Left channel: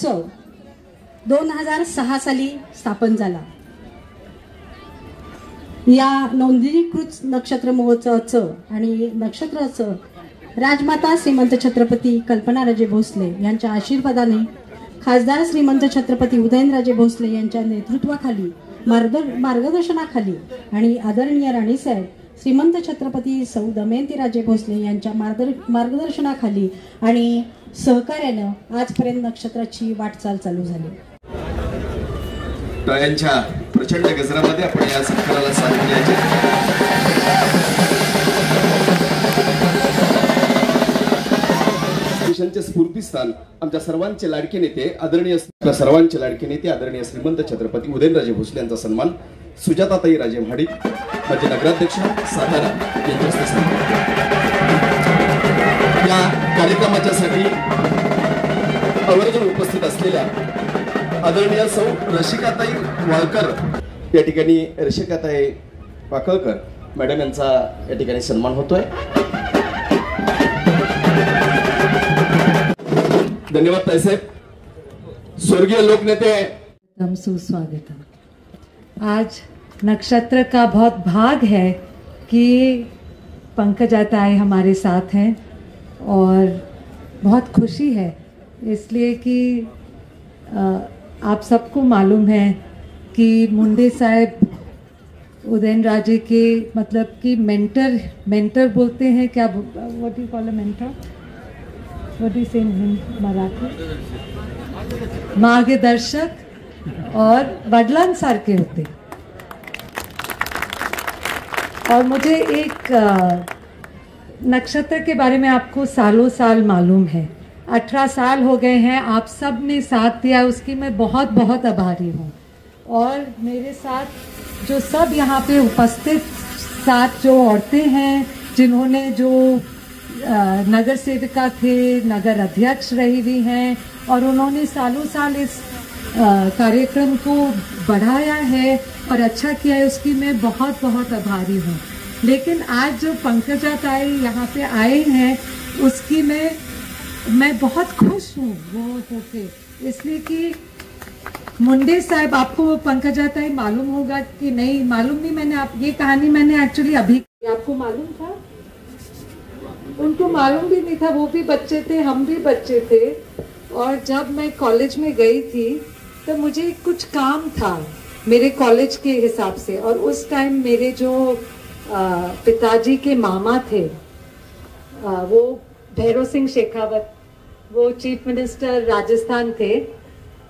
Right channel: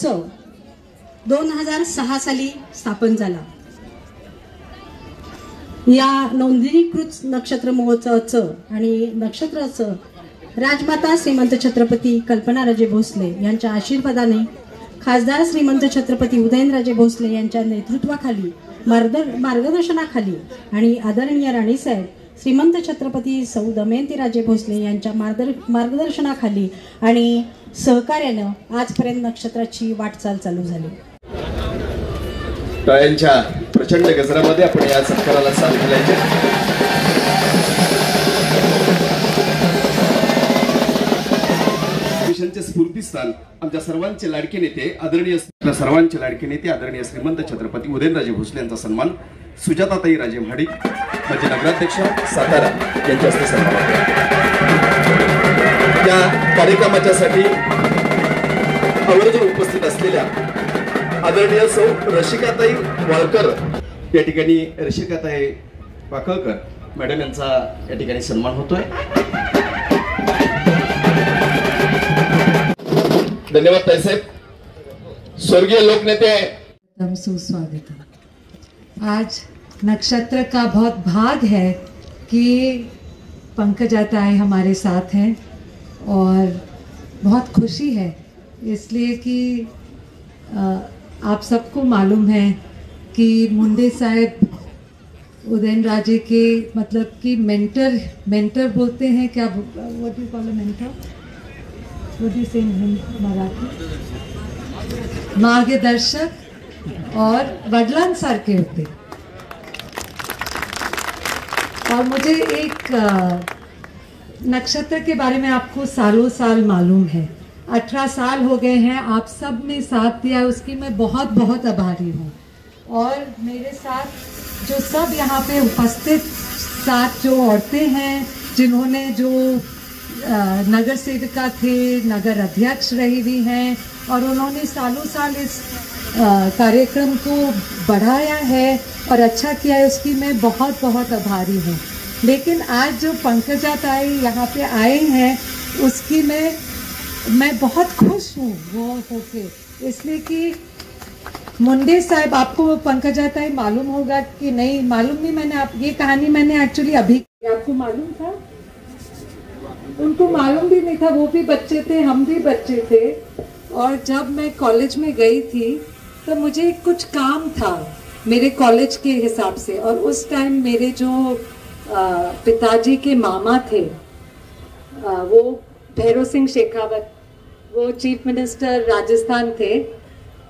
महोत्सव 2006 साली स्थापन झाला। या नोंदणीकृत नक्षत्र महोत्सवाचं आणि नक्षत्राचं राजमाता श्रीमंत छत्रपती कल्पनाराजे भोसले यांच्या आशीर्वादाने खासदार श्रीमंत छत्रपती उदयनराजे भोसले यांच्या नेतृत्वाखाली मार्गदर्शनाखाली आणि आदरणीय राणीसाहेब श्रीमंत छत्रपती सौ दमयंतीराजे भोसले यांच्या मार्गदर्शनाखाली आणि सहकार्यानं आजपर्यंत नक्षत्राची वाटचाल चालू झाली। टाळ्यांच्या प्रचंड गजरामध्ये आपण या सत्काराला साथ दिल्याचे देशांचे स्फूर्तीस्थान आमच्या सर्वांचे लाडके नेते आदरणीय श्रीमंत छत्रपती उदयनराजे भोसले यांचा सन्मान सुजाताताई राजे महाडिक म्हणजे नगराध्यक्षा सातारा यांच्या हस्ते सन्मान। या कार्यक्रमाच्यासाठी आवर्जून उपस्थित असलेल्या आदरणीय सौ रसिकाताई वाळकर या ठिकाणी रसिकाताई वाकळकर मॅडम यांचा या ठिकाणी सन्मान होतोय। धन्यवाद ताईसाहेब। स्वर्गीय लोकनेते सुस्वागत है। आज नक्षत्र का बहुत भाग है कि पंकजा ताई हमारे साथ हैं और बहुत खुशी है इसलिए कि आप सबको मालूम है कि मुंडे साहब उदयनराजे के मतलब कि मेंटर बोलते हैं, क्या what you call a mentor, what you say in Marathi, मार्गदर्शक और वडिलांसारखे होते। और मुझे एक नक्षत्र के बारे में आपको सालों साल मालूम है, 18 साल हो गए हैं, आप सब ने साथ दिया, उसकी मैं बहुत बहुत आभारी हूँ। और मेरे साथ जो सब यहाँ पे उपस्थित साथ जो औरतें हैं जिन्होंने जो नगर सेविका थे, नगर अध्यक्ष रही हुई हैं और उन्होंने सालों साल इस कार्यक्रम को बढ़ाया है और अच्छा किया है, उसकी मैं बहुत बहुत आभारी हूँ। लेकिन आज जो पंकजा ताई यहाँ पे आए हैं उसकी मैं बहुत खुश हूँ वो होके, इसलिए कि मुंडे साहब, आपको पंकजा ताई मालूम होगा कि नहीं मालूम नहीं, मैंने ये कहानी मैंने एक्चुअली अभी, आपको मालूम था? उनको मालूम भी नहीं था, वो भी बच्चे थे, हम भी बच्चे थे। और जब मैं कॉलेज में गई थी तो मुझे कुछ काम था मेरे कॉलेज के हिसाब से, और उस टाइम मेरे जो पिताजी के मामा थे वो भैरव सिंह शेखावत, वो चीफ मिनिस्टर राजस्थान थे,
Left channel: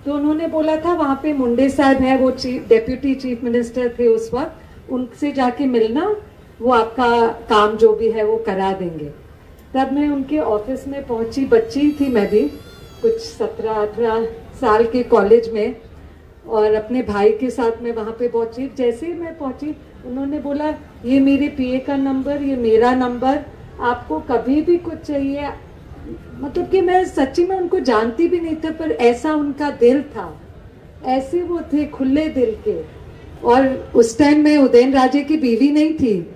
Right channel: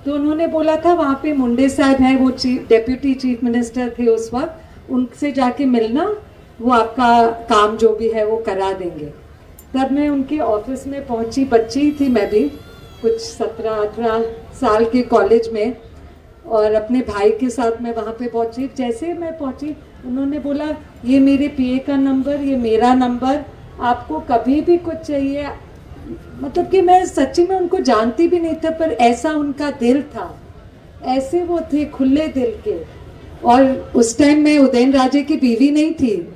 तो उन्होंने बोला था वहां पे मुंडे साहब हैं, वो डेप्यूटी चीफ मिनिस्टर थे उस वक्त, उनसे जाके मिलना, वो आपका काम जो भी है वो करा देंगे। तब मैं उनके ऑफिस में पहुंची, बच्ची थी मैं भी, कुछ 17-18 साल के कॉलेज में, और अपने भाई के साथ मैं वहां पे पहुंची। जैसे मैं पहुंची उन्होंने बोला ये मेरे पीए का नंबर, ये मेरा नंबर, आपको कभी भी कुछ चाहिए। मतलब कि मैं सच्ची में उनको जानती भी नहीं था, पर ऐसा उनका दिल था, ऐसे वो थे खुले दिल के। और उस टाइम मैं उदयनराजे की बीवी नहीं थी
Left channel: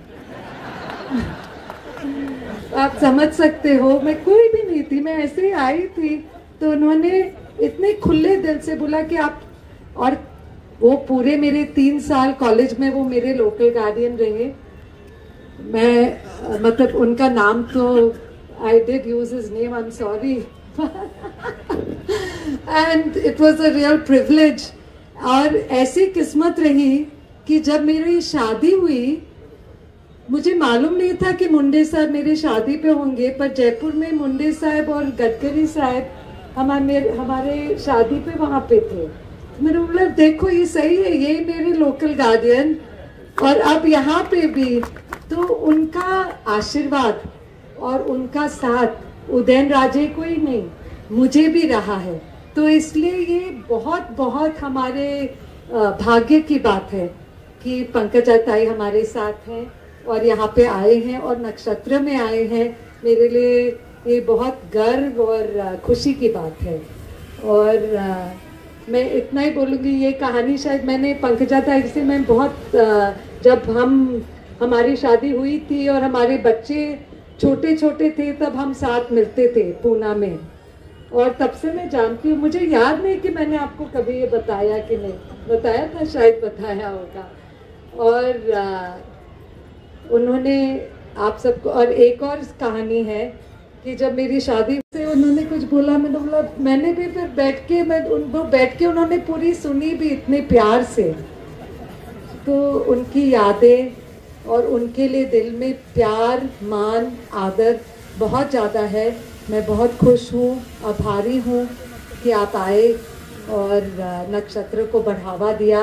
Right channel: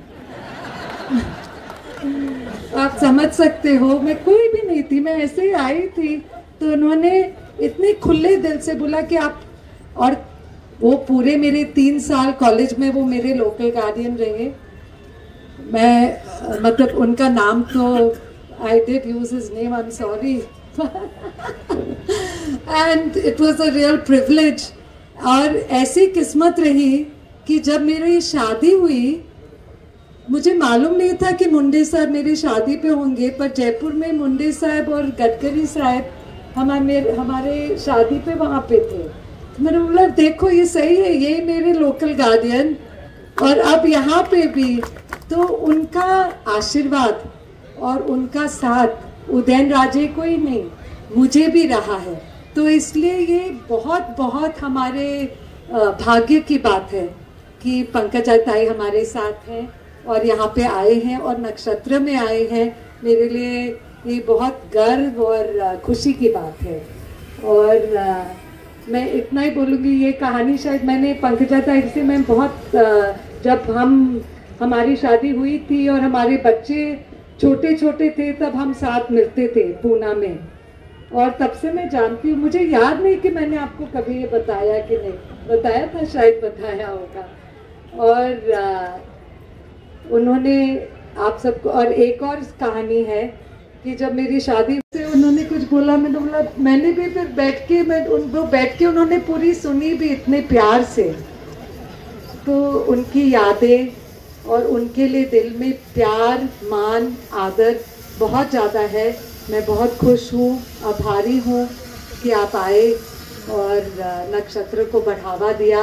आप समझ सकते हो, मैं कोई भी नहीं थी, मैं ऐसे ही आई थी। तो उन्होंने इतने खुले दिल से बोला कि आप, और वो पूरे मेरे 3 साल कॉलेज में वो मेरे लोकल गार्डियन रहे। मैं मतलब उनका नाम तो I did use his name, I'm sorry. And it was a real privilege. और ऐसी किस्मत रही कि जब मेरी शादी हुई, मुझे मालूम नहीं था कि मुंडे साहब मेरी शादी पे होंगे, पर जयपुर में मुंडे साहब और गडकरी साहब हमारे शादी पे वहां पे थे। मैंने बोला देखो ये सही है, ये मेरे लोकल गार्डियन, और अब यहाँ पे भी तो उनका आशीर्वाद और उनका साथ उदयनराजे को ही नहीं मुझे भी रहा है। तो इसलिए ये बहुत बहुत हमारे भाग्य की बात है कि पंकजा ताई हमारे साथ हैं और यहाँ पे आए हैं और नक्षत्र में आए हैं। मेरे लिए ये बहुत गर्व और खुशी की बात है। और मैं इतना ही बोलूँगी, ये कहानी शायद मैंने पंकजा ताई से मैं बहुत जब हमारी शादी हुई थी और हमारे बच्चे छोटे छोटे थे तब हम साथ मिलते थे पूना में, और तब से मैं जानती हूँ। मुझे याद नहीं कि मैंने आपको कभी ये बताया कि नहीं, बताया था, शायद बताया होगा। और उन्होंने आप सबको, और एक और कहानी है कि जब मेरी शादी से उन्होंने कुछ बोला, मैंने भी फिर बैठ के उन्होंने पूरी सुनी भी इतने प्यार से। तो उनकी यादें और उनके लिए दिल में प्यार, मान, आदर बहुत ज़्यादा है। मैं बहुत खुश हूँ, आभारी हूँ कि आप आए और नक्षत्र को बढ़ावा दिया।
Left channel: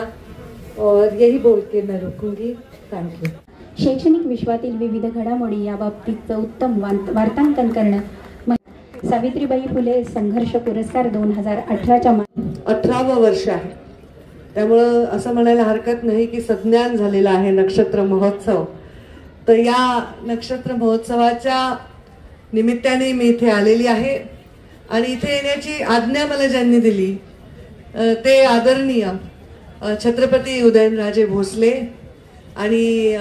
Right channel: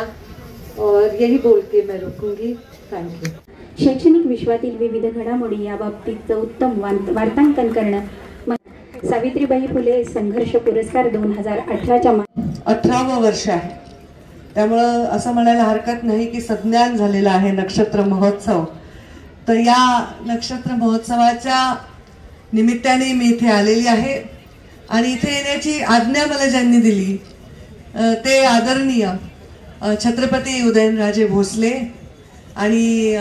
और यही बोल के मैं रुकूंगी। Thank you. शैक्षणिक विश्वातील विविध घडामोडी या बाबतीत उत्तम वार्तांकन करण्यात सावित्रीबाई फुले संघर्ष पुरस्कार 2018च्या 18वं वर्ष आहे, त्यामुळं असं म्हणायला हरकत नाही की सज्ञान झालेला आहे नक्षत्र महोत्सव। तर या नक्षत्र महोत्सवाच्या निमित्ताने मी इथे आलेली आहे आणि इथे येण्याची आज्ञा मला ज्यांनी दिली ते आदरणीय छत्रपती उदयनराजे भोसले, आणि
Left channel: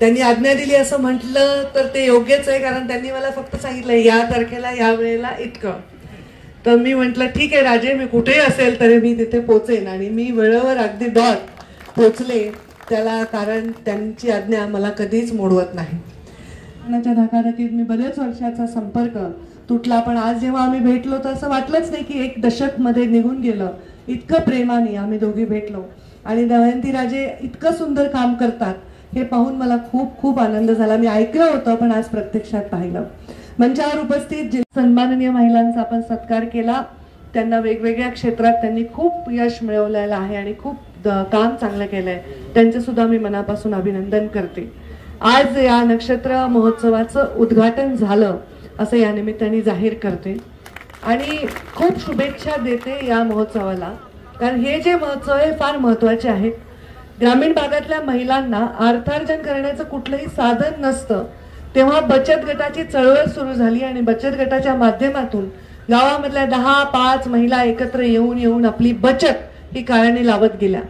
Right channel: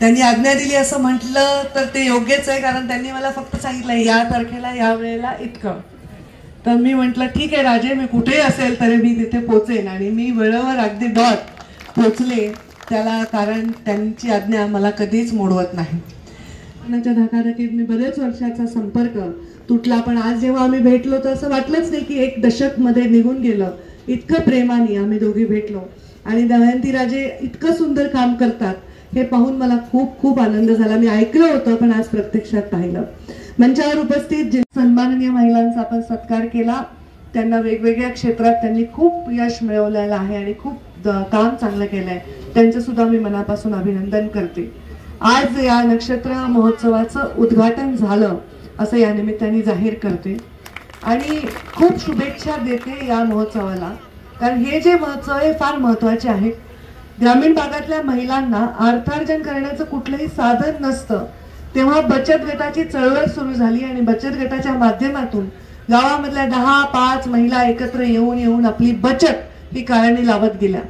त्यांनी आज्ञा दिली असं म्हटलं तर ते योग्यच आहे, कारण त्यांनी मला फक्त सांगितलं या तारखेला या वेळेला इतकं। तर मी म्हटलं ठीक आहे राजे, मी कुठेही असेल तरी मी तिथे पोहोचेन, आणि मी वेळेवर अगदी डॉट पोहोचले त्याला, कारण त्यांची आज्ञा मला कधीच मोडवत नाही। धकाधकीने बरेच वर्षाचा संपर्क तुटला, पण आज जेव्हा आम्ही भेटलो तर असं वाटलंच नाही की 1 दशक मध्ये निघून गेलं। इतकं प्रेमाने आम्ही दोघी भेटलो आणि दमयंती राजे इतकं सुंदर काम करतात हे पाहून मला खूप खूप आनंद झाला। मी ऐकलं होतं पण आज प्रत्यक्षात पाहिलं। मंचावर उपस्थित सन्माननीय महिलांचा आपण सत्कार केला, त्यांना वेगवेगळ्या क्षेत्रात त्यांनी खूप यश मिळवलेलं आहे आणि खूप काम चांगलं केलंय, त्यांचं सुद्धा मी मनापासून अभिनंदन करते। आज या नक्षत्र महोत्सवाचं उद्घाटन झालं असं या निमित्ताने जाहीर करते आणि खूप शुभेच्छा देते या महोत्सवाला, कारण हे जे महोत्सव आहे फार महत्वाचे आहे। ग्रामीण भागातल्या महिलांना अर्थार्जन करण्याचं कुठलंही साधन नसतं, तेव्हा बचत गटाची चळवळ सुरू झाली आणि बचत गटाच्या माध्यमातून गावामधल्या 10-5 महिला एकत्र येऊन आपली बचत ही कारणी लावत गेल्या,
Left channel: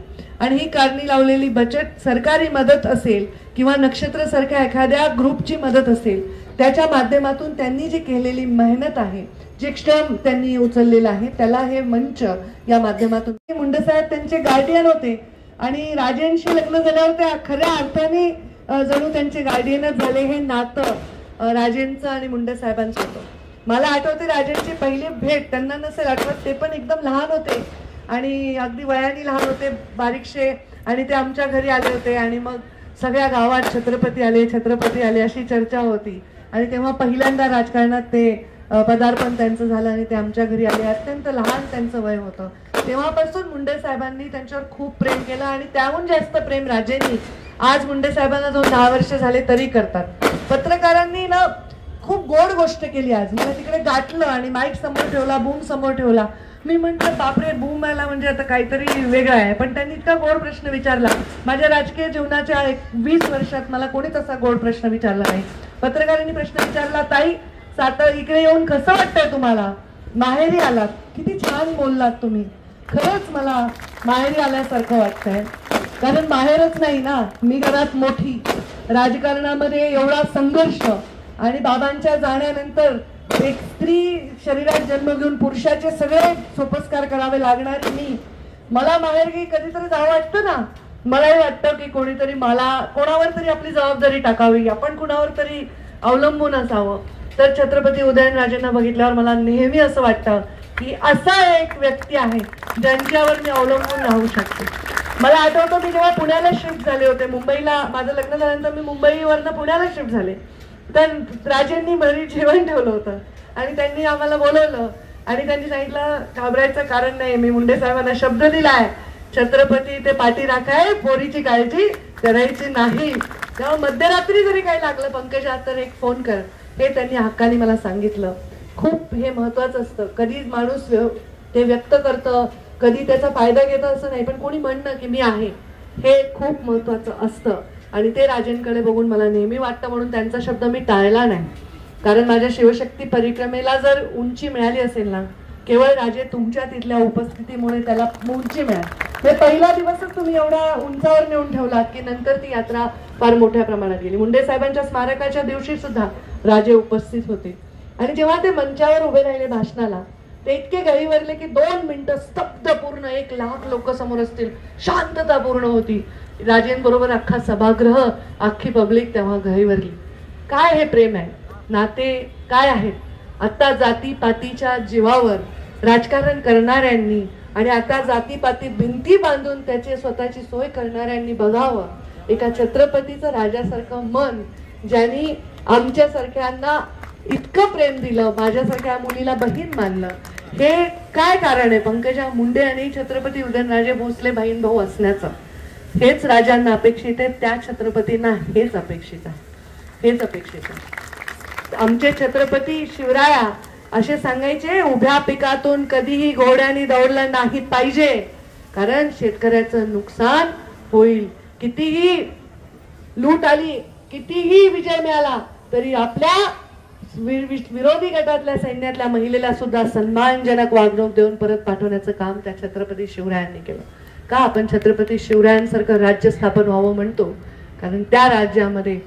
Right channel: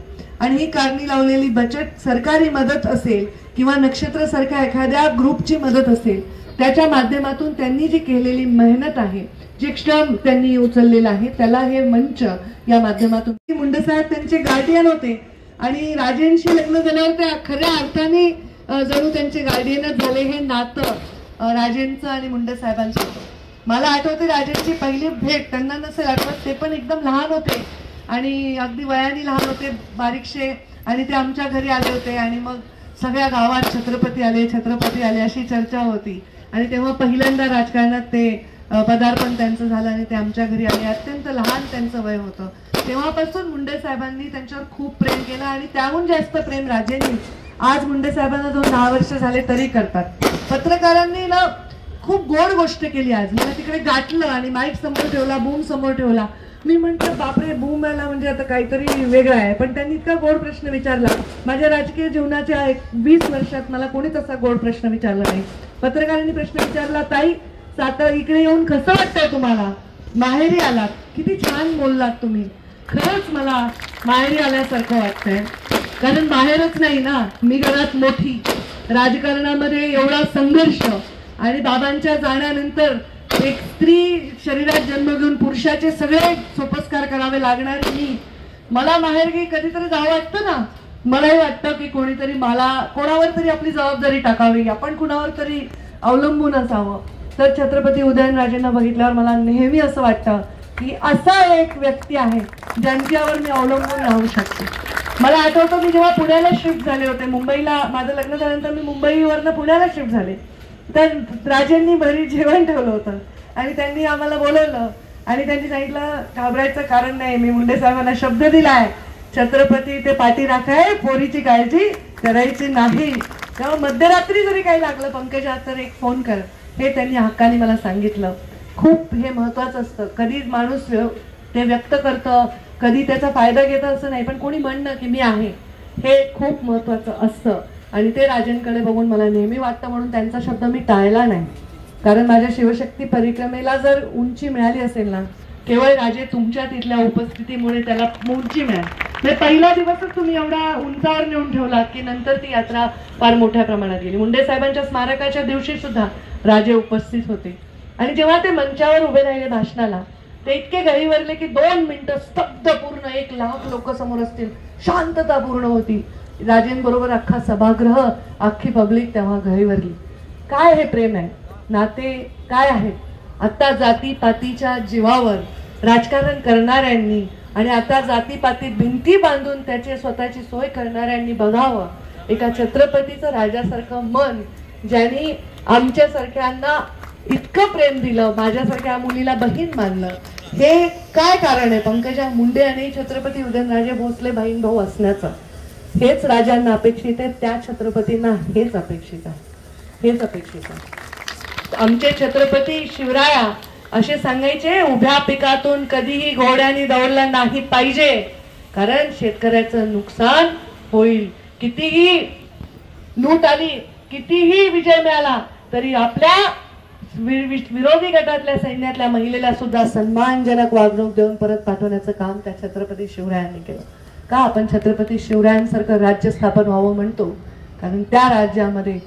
आणि ही कारणी लावलेली बचत सरकारी मदत असेल किंवा नक्षत्र सारख्या एखाद्या ग्रुपची मदत असेल, त्याच्या माध्यमातून त्यांनी जी केलेली मेहनत आहे, जे श्रम त्यांनी उचललेलं आहे, त्याला हे मंच या माध्यमातून मुंडेसाहेब त्यांचे गार्डियन होते आणि राजेंशी लग्न झाल्यावर त्या खऱ्या अर्थाने जणू त्यांचे गार्डियनच झाले। हे नातं राजेंचं आणि मुंडेसाहेबांचं होतं। मला आठवते राजेंची पहिली भेट, त्यांना नसेल आठवत, ते पण एकदम लहान होते आणि अगदी वयाने लहान होते, बारीकशे, आणि ते आमच्या घरी आले होते आणि मग सगळ्या गावात छत्रपती आले अशी चर्चा होती, आणि तेव्हा पहिल्यांदा राजकारणात ते पदार्पण त्यांचं झालं आणि ते आमच्या घरी आले। अत्यंत लहान त्यांचं वय होतं, तेव्हापासून मुंडे साहेबांनी त्यांच्यावर खूप प्रेम केलं आणि त्याहून जास्त प्रेम राजेंनी आज मुंडे साहेबांना जो 10 वर्ष झाले तरी करतात। पत्रकारांनी ना खूप गोड गोष्ट केली आज, म्हणजे तिकडे गाठलं आणि माईक समोर ठेवला, बूम समोर ठेवला। मी म्हटलं बापरे, बूम आला म्हणजे आता काहीतरी वेगळं आहे, पण त्यांनी इतका गोड प्रश्न विचारला। माझ्या राजकीय जीवनाच्या 20 वर्षात मला कोणीच असा गोड प्रश्न विचारला नाही। पत्रकारांनी प्रश्न विचारला, ताई आता इकडे येऊन कसं वाटतंय तुम्हाला, माहेरी आलात, किती छान बोललात तुम्ही, खरंच मला माहेरी आल्यासारखं वाटतंय, कारण माहेरच नाही ना, मी घरात मोठी, राजकारणामध्ये एवढा संघर्ष, आणि बाबांच्या जाण्यानंतर एक स्त्री शरीरात जन्म घेऊन पुरुषाचे सगळे सोपस्कार करावे लागणारे मी, मला माहेरगी कधीतरी जावं वाटतं ना। मलाही वाटतं की कोणीतरी कोणावर तरी आपली जबाबदारी टाकावी, आपण कुणावर तरी अवलंबून असावं। तर छत्रपती उदयनराजेंना बघितल्यावर मला नेहमी असं वाटतं की असा एक व्यक्ती आहे ज्यांच्यावर मी अवलंबून राहू शकते। मला आठवतं मी जेव्हा पुण्याला शिफ्ट झाले होते, मुंबईला माझं लग्न झाल्यानंतर मी मुंबईवरनं पुण्याला शिफ्ट झाले, तर राजेंनी घरी जेवण ठेवलं होतं आणि त्यांनी आम्हाला बोलवलं आणि त्यांनी सांगितलं घाबरायचं कारण नाही, मी मुंडे साहेबांना शब्द दिलाय, छत्रपती ते पाठी राखाय, पोरीची काळजी करायची नाही, तेव्हा मध्यरात्री जरी काही लागलं पंकजा तर एक फोन कर, हे त्यांनी हक्काने मला सांगितलं। खूप हे महत्वाचं असतं, कधी माणूस ते व्यक्त करतं, कधी त्याचा फायदा घेतं असं नाही, पण कोणी म्हणणं की मी आहे हे खूप महत्वाचं असतं, आणि ते राजेंकडे बघून मला नेहमी वाटतं, म्हणून त्यांचा शब्द मी टाळला नाही। कारण माझ्या शिवशक्ती परिक्रमेला जर उंची मिळाली असेल ना, केवळ राजे तुमच्या तिथल्या उपस्थितीमुळे त्याला उंची मिळाली। पहिला दिवसच तुम्ही एवढा उंचावर नेऊन ठेवला की नंतर ती यात्रा फार मोठ्या प्रमाणात गेली। मुंडे साहेबांच्या स्मारकाच्या दिवशी सुद्धा राजे उपस्थित होते आणि जेव्हा ते मंचावर उभे राहिले भाषणाला, ते इतके गहिवरले की 2 मिनिटं स्तब्ध, पूर्ण 1 लाख लोक समोर असतील, शांतता पूर्ण होती. राजेंबरोबर अख्खा सभागृह, अख्खी पब्लिक तेव्हा गहिवरली. काय हे प्रेम आहे, नाते काय आहेत. आता जातीपातीच्या जीवावर राजकारण करणाऱ्यांनी आणि आता जातीपातीत भिंती बांधून त्याची स्वतःची सोय करणाऱ्यांनी बघावं एका छत्रपतीचं राजासारखं मन, ज्यांनी आमच्यासारख्यांना इतकं प्रेम दिलं, माझ्यासारख्या मुलीला बहीण मानलं. हे काय कारण आहे पंकजा मुंडे आणि छत्रपती उदयनराजे भोसले बहीण भाऊ असण्याचं. हेच राजांना अपेक्षित आहे, त्या छत्रपतींना हेच अपेक्षित आहे, हेच अपेक्षित आहे. आमचे छत्रपती शिवराया असे सांगायचे, उभ्या पिकातून कधीही घोड्याने दौडला नाही पाहिजे, कारण शेतकऱ्याचं नुकसान होईल. कितीही लूट आली, कितीही विजय मिळाला तरी आपल्या विरोधी गटातल्या सैन्यातल्या महिलेला सुद्धा सन्मानजनक वागणूक देऊन परत पाठवण्याचं काम त्या छत्रपती शिवरायांनी केलं. का आपण छत्रपती शिवरायांसारखं राज्य स्थापन व्हावं म्हणतो? कारण त्या राज्यामध्ये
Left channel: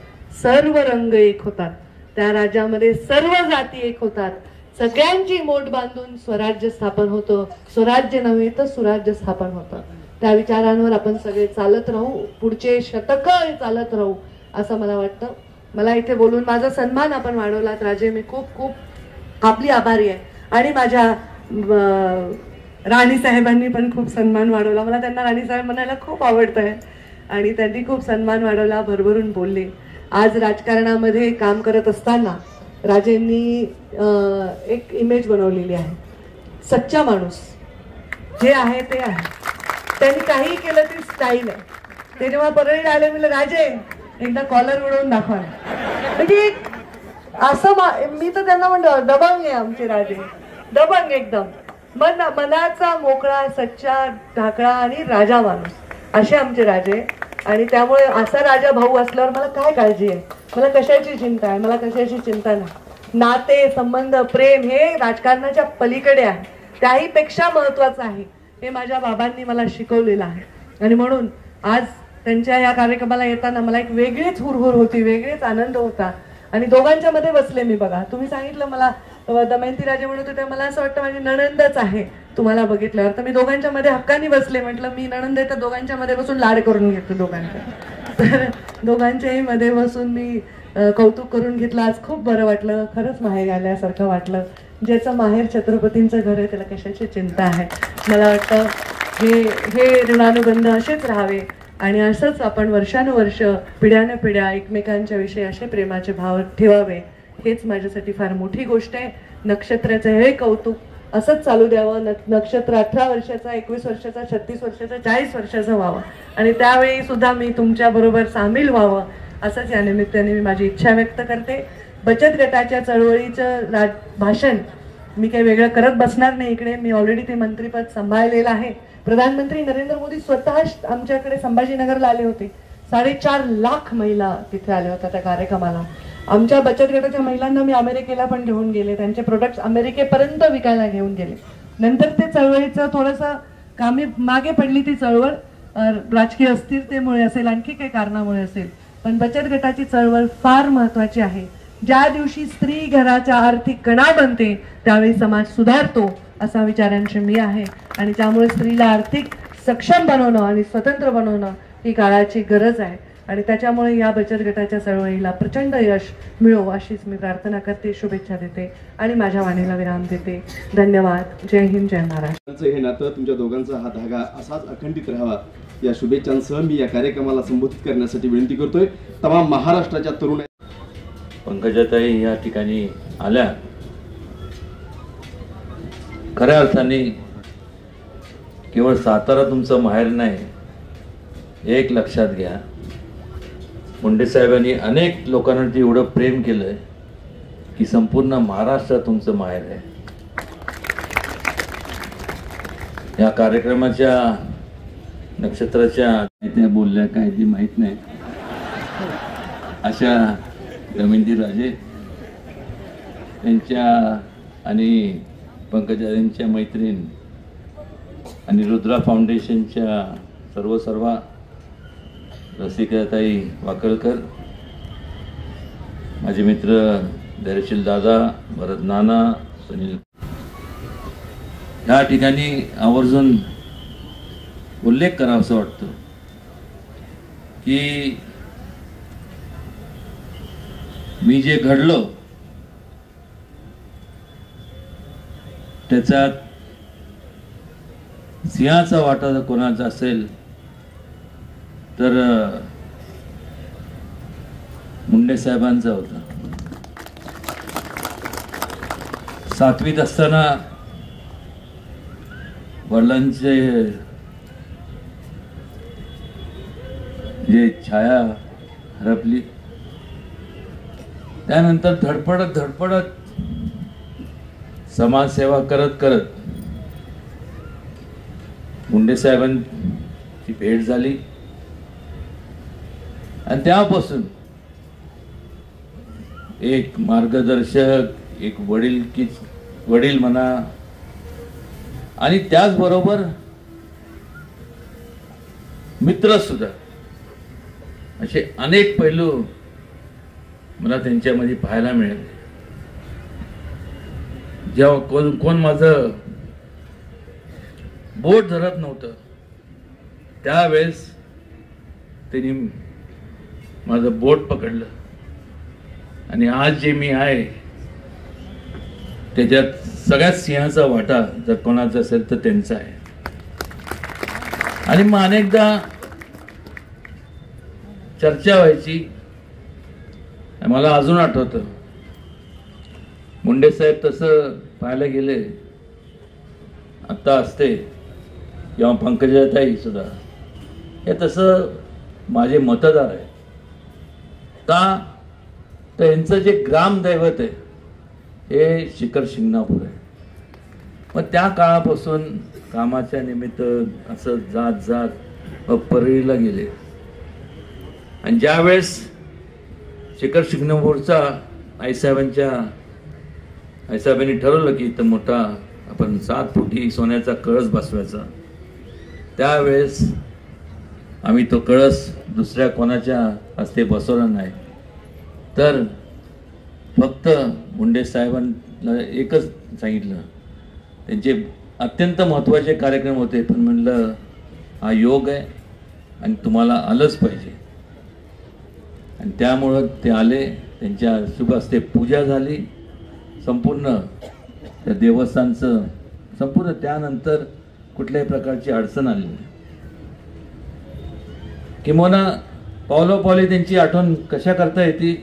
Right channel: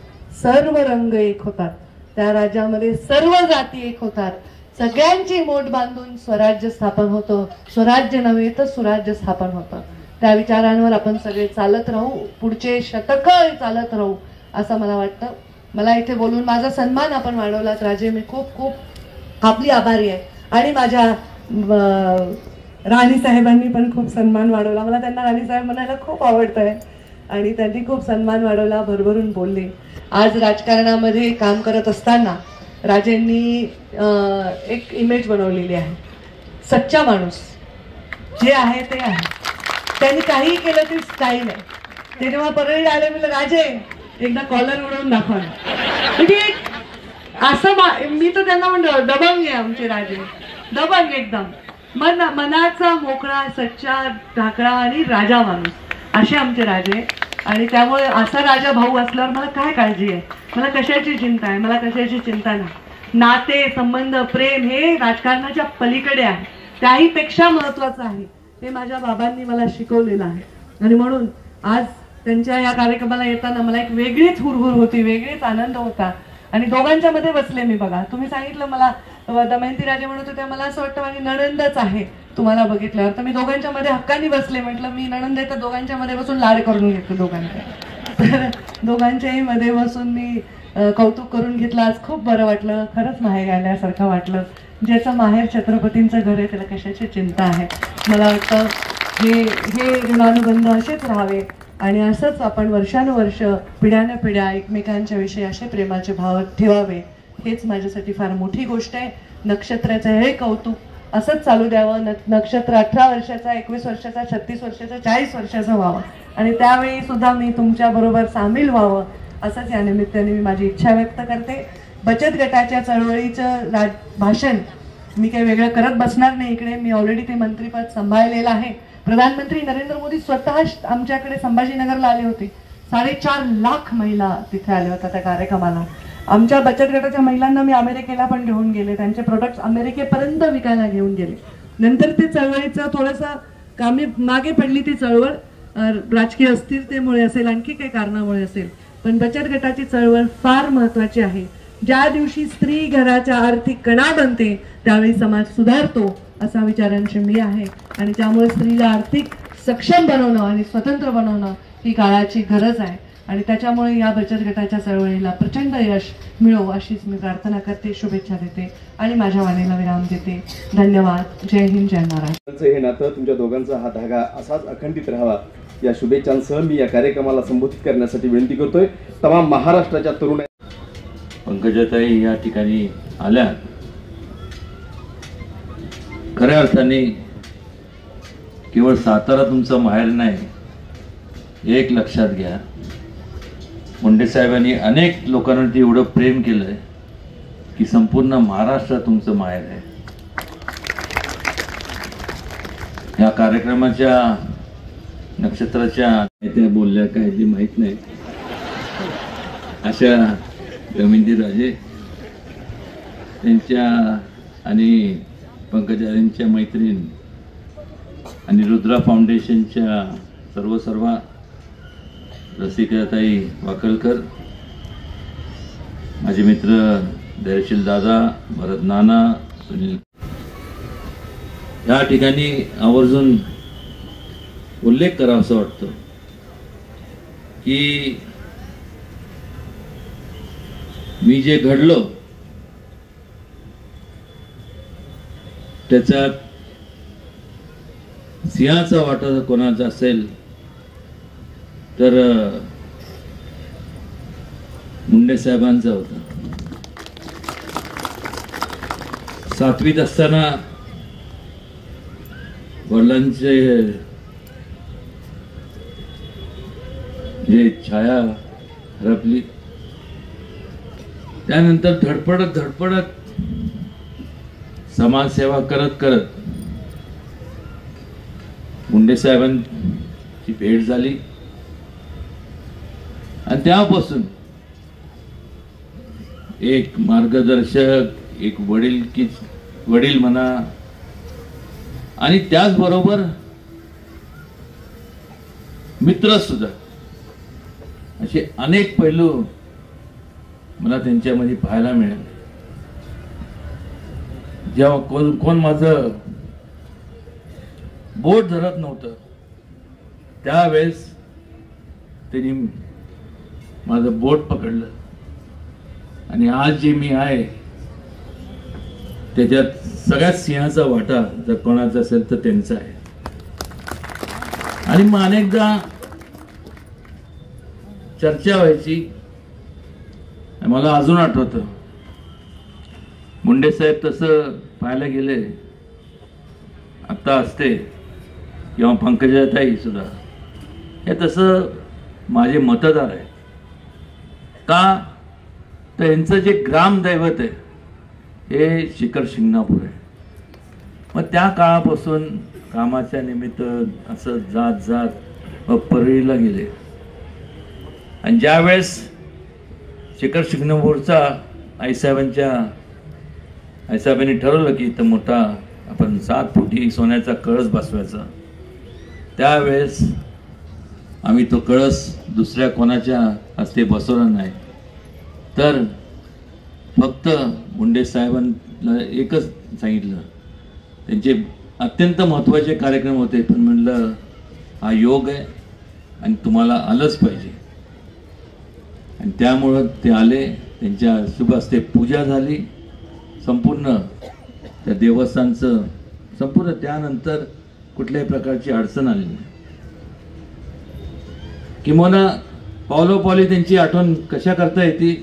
सर्व रंग एक होतात, त्या राज्यामध्ये सर्व जाती एक होतात, सगळ्यांची मोठ बांधून स्वराज्य स्थापन होतं. स्वराज्य नव्हे तर सुराज्य स्थापन होतं. त्या विचारांवर आपण सगळे चालत राहू, पुढचे शतक चालत राहू असं मला वाटतं. मला इथे बोलून माझा सन्मान आपण वाढवलात राजे, मी खूप खूप आपली आभारी आहे. आणि माझ्या राणी साहेबांनी पण खूप सन्मान वाढवला. मला त्यांना राणी साहेब म्हणायला खूप आवडतंय आणि त्यांनी खूप सन्मान वाढवला, भरभरून बोलले. आज राजकारणामध्ये काम करत असताना राजेंनी एक इमेज बनवलेली आहे, सच्चा माणूस जे आहे ते आहे. त्यांनी काही केलं ती स्टाईल आहे. ते जेव्हा परळीला आले म्हणलं, राजे एकदा कॉलर उडवून दाखवा. म्हणजे असं मी तर त्यांना म्हणलं, दबंग आहे आमचे राजे, दबंग एकदम मनाचा मोकळा, सच्चा, ढाकळा आणि राजा माणूस असे आमचे राजे. आणि त्यामुळे असा राजा भाऊ असल्यावर मला काय काळजी आहे, मला कशाची चिंता आहे, मला कशाची चिंता नाही. नाते संबंध प्रेम हे राजकारणाच्या पलीकडे आहे, त्याही पेक्षा महत्वाचं आहे. हे माझ्या बाबांनी मला शिकवलेलं आहे. आणि म्हणून आज त्यांच्या या कार्यक्रमाला येताना मला एक वेगळीच हुरहुर होती, वेगळीच आनंद होता. आणि दोघांच्या मध्ये बसले मी. बघा, तुम्ही सांगितलं मला दमयंती राजे म्हणत होते, मला असं वाटतं माझी नणंदच आहे तुम्हाला बघितल्यावर. तर मी दोघांच्या मध्ये हक्काने बसले. म्हटलं मी नणंद आहे तर दोघांच्या मध्ये बसून लाड करून घेतलं दोघांच्या. तर दोघांच्याही मध्ये बसून मी कौतुक करून घेतलं. आज खूप बरं वाटलं, खरंच माहेर आल्यासारखं वाटलं. ज्याचं माहेर छत्रपतींचं घर आहे त्याला कशाची चिंता आहे. मला वाटतं हे ऋणानुबंध असेच राहावे आणि असंच आपण वर्षानुवर्ष पिढ्याने पिढ्या एकमेकांच्या विषयी असे प्रेमाचे भाव ठेवावे. हेच माझ्यासाठी फार मोठी गोष्ट आहे. नक्षत्राचं हे कौतुक असंच चालू द्यावं. नक्षत्र 18 वर्षाचा, 21 वर्षाचा, 36 वर्षाचा, 40 वर्षाचा व्हावं आणि त्यावेळी सुद्धा मी तुमच्या बरोबर सामील व्हावं असंच या निमित्ताने मी माझी इच्छा व्यक्त करते. बचत गटाच्या चळवळीचं भाषण मी काही वेगळं करत बसणार नाही. इकडे मी ऑलरेडी ते मंत्रीपद सांभाळलेलं आहे. प्रधानमंत्री नरेंद्र मोदी स्वतः आमच्याकडे संभाजीनगरला आले होते. 4.5 लाख महिला तिथे आल्या होत्या त्या कार्यक्रमाला. आमच्या बचत गटाच्या महिलांना मी अमेरिकेला पण घेऊन गेले, त्यांचे प्रोडक्ट्स अमेरिकेपर्यंत विकायला घेऊन गेले. नंतर ते चळवळीचं थोडंसं कामी मागे पडली ती चळवळ, राजकीय अस्थिरतेमुळे असेल, आणखी काही कारणामुळे असेल. पण बचत गटाची चळवळ फार महत्वाची आहे. ज्या दिवशी स्त्री घराच्या आर्थिक कणा बनते त्यावेळी समाज सुधारतो असा विचारांची मी आहे. आणि त्यामुळे स्त्रीला आर्थिक सक्षम बनवणं आणि स्वतंत्र बनवणं ही काळाची गरज आहे. आणि त्याच्यामुळे या बचत गटाच्या चळवळीला प्रचंड यश मिळो अशीच मी प्रार्थना करते, शुभेच्छा देते आणि माझ्या वाणीला विराम देते. धन्यवाद. जय हिंद, जय महाराष्ट्र. हे नातं तुमच्या दोघांचा हा धागा असाच अखंडित राहावा या शुभेच्छांसह मी या कार्यक्रमाला संबोधित करण्यासाठी विनंती करतोय तमाम महाराष्ट्राच्या तरुण. पंकजाताई या ठिकाणी आल्या, खऱ्या अर्थाने केवळ सातारा तुमचं माहेर नाही, एक लक्षात घ्या, मुंडे साहेबांनी अनेक लोकांवरती एवढं प्रेम केलंय की संपूर्ण महाराष्ट्र तुमचं माहेर आहे. या कार्यक्रमाच्या नक्षत्राच्या त्या बोलल्या काय ते माहित नाही, अशा दमयंती राजे त्यांच्या आणि पंकजाताईंच्या मैत्रीण आणि रुद्रा फाउंडेशनच्या सर्व रसिकाताई वाकलकर, माझे मित्र धैर्यशील दादा, भरत नाना, सुनील, या ठिकाणी आवर्जून उल्लेख करावा असं वाटतं की मी जे घडलो त्याचा सिंहाचा वाटा जर कोणाचा असेल तर मुंडे साहेबांचा होता. 7वीत असताना वडिलांचे जे छाया हरपली, त्यानंतर धडपडत समाजसेवा करत मुंडे साहेबांची भेट झाली आणि त्यापासून एक मार्गदर्शक, एक वडील म्हणा, आणि त्याचबरोबर मित्र सुद्धा, असे अनेक पैलू मला त्यांच्यामध्ये पाहायला मिळाले. जेव्हा कोण माझं बोट धरत नव्हतं त्यावेळेस त्यांनी माझं बोट पकडलं आणि आज जे मी आहे त्याच्यात सगळ्यात सिंहाचा वाटा जर कोणाचा असेल तर त्यांचा आहे. आणि मग अनेकदा चर्चा व्हायची. मला अजून आठवतं मुंडे साहेब तसं पाहायला गेले आता असते किंवा पंकजाताई सुद्धा हे तसं माझे मतदार आहे का, तर यांचं जे ग्रामदैवत आहे हे शिखर शिंगणापूर आहे. मग त्या काळापासून कामाच्या निमित्त असं जात परळीला गेले आणि ज्यावेळेस शिखर शिंगणापूरचा आईसाहेबांनी ठरवलं की इथं मोठा आपण 7 फुटी सोन्याचा कळस बसवायचा, त्यावेळेस आम्ही तो कळस दुसऱ्या कोणाच्या हस्ते बसवला नाही, तर फक्त मुंडे साहेबांना एकच सांगितलं. त्यांचे अत्यंत महत्त्वाचे कार्यक्रम होते, पण म्हणलं हा योग आहे आणि तुम्हाला आलंच पाहिजे. आणि त्यामुळं ते आले. त्यांच्या शुभ हस्ते पूजा झाली संपूर्ण त्या देवस्थानचं संपूर्ण. त्यानंतर कुठल्याही प्रकारची अडचण आली नाही. किंवा पावलोपावली त्यांची आठवण कशा करता येते,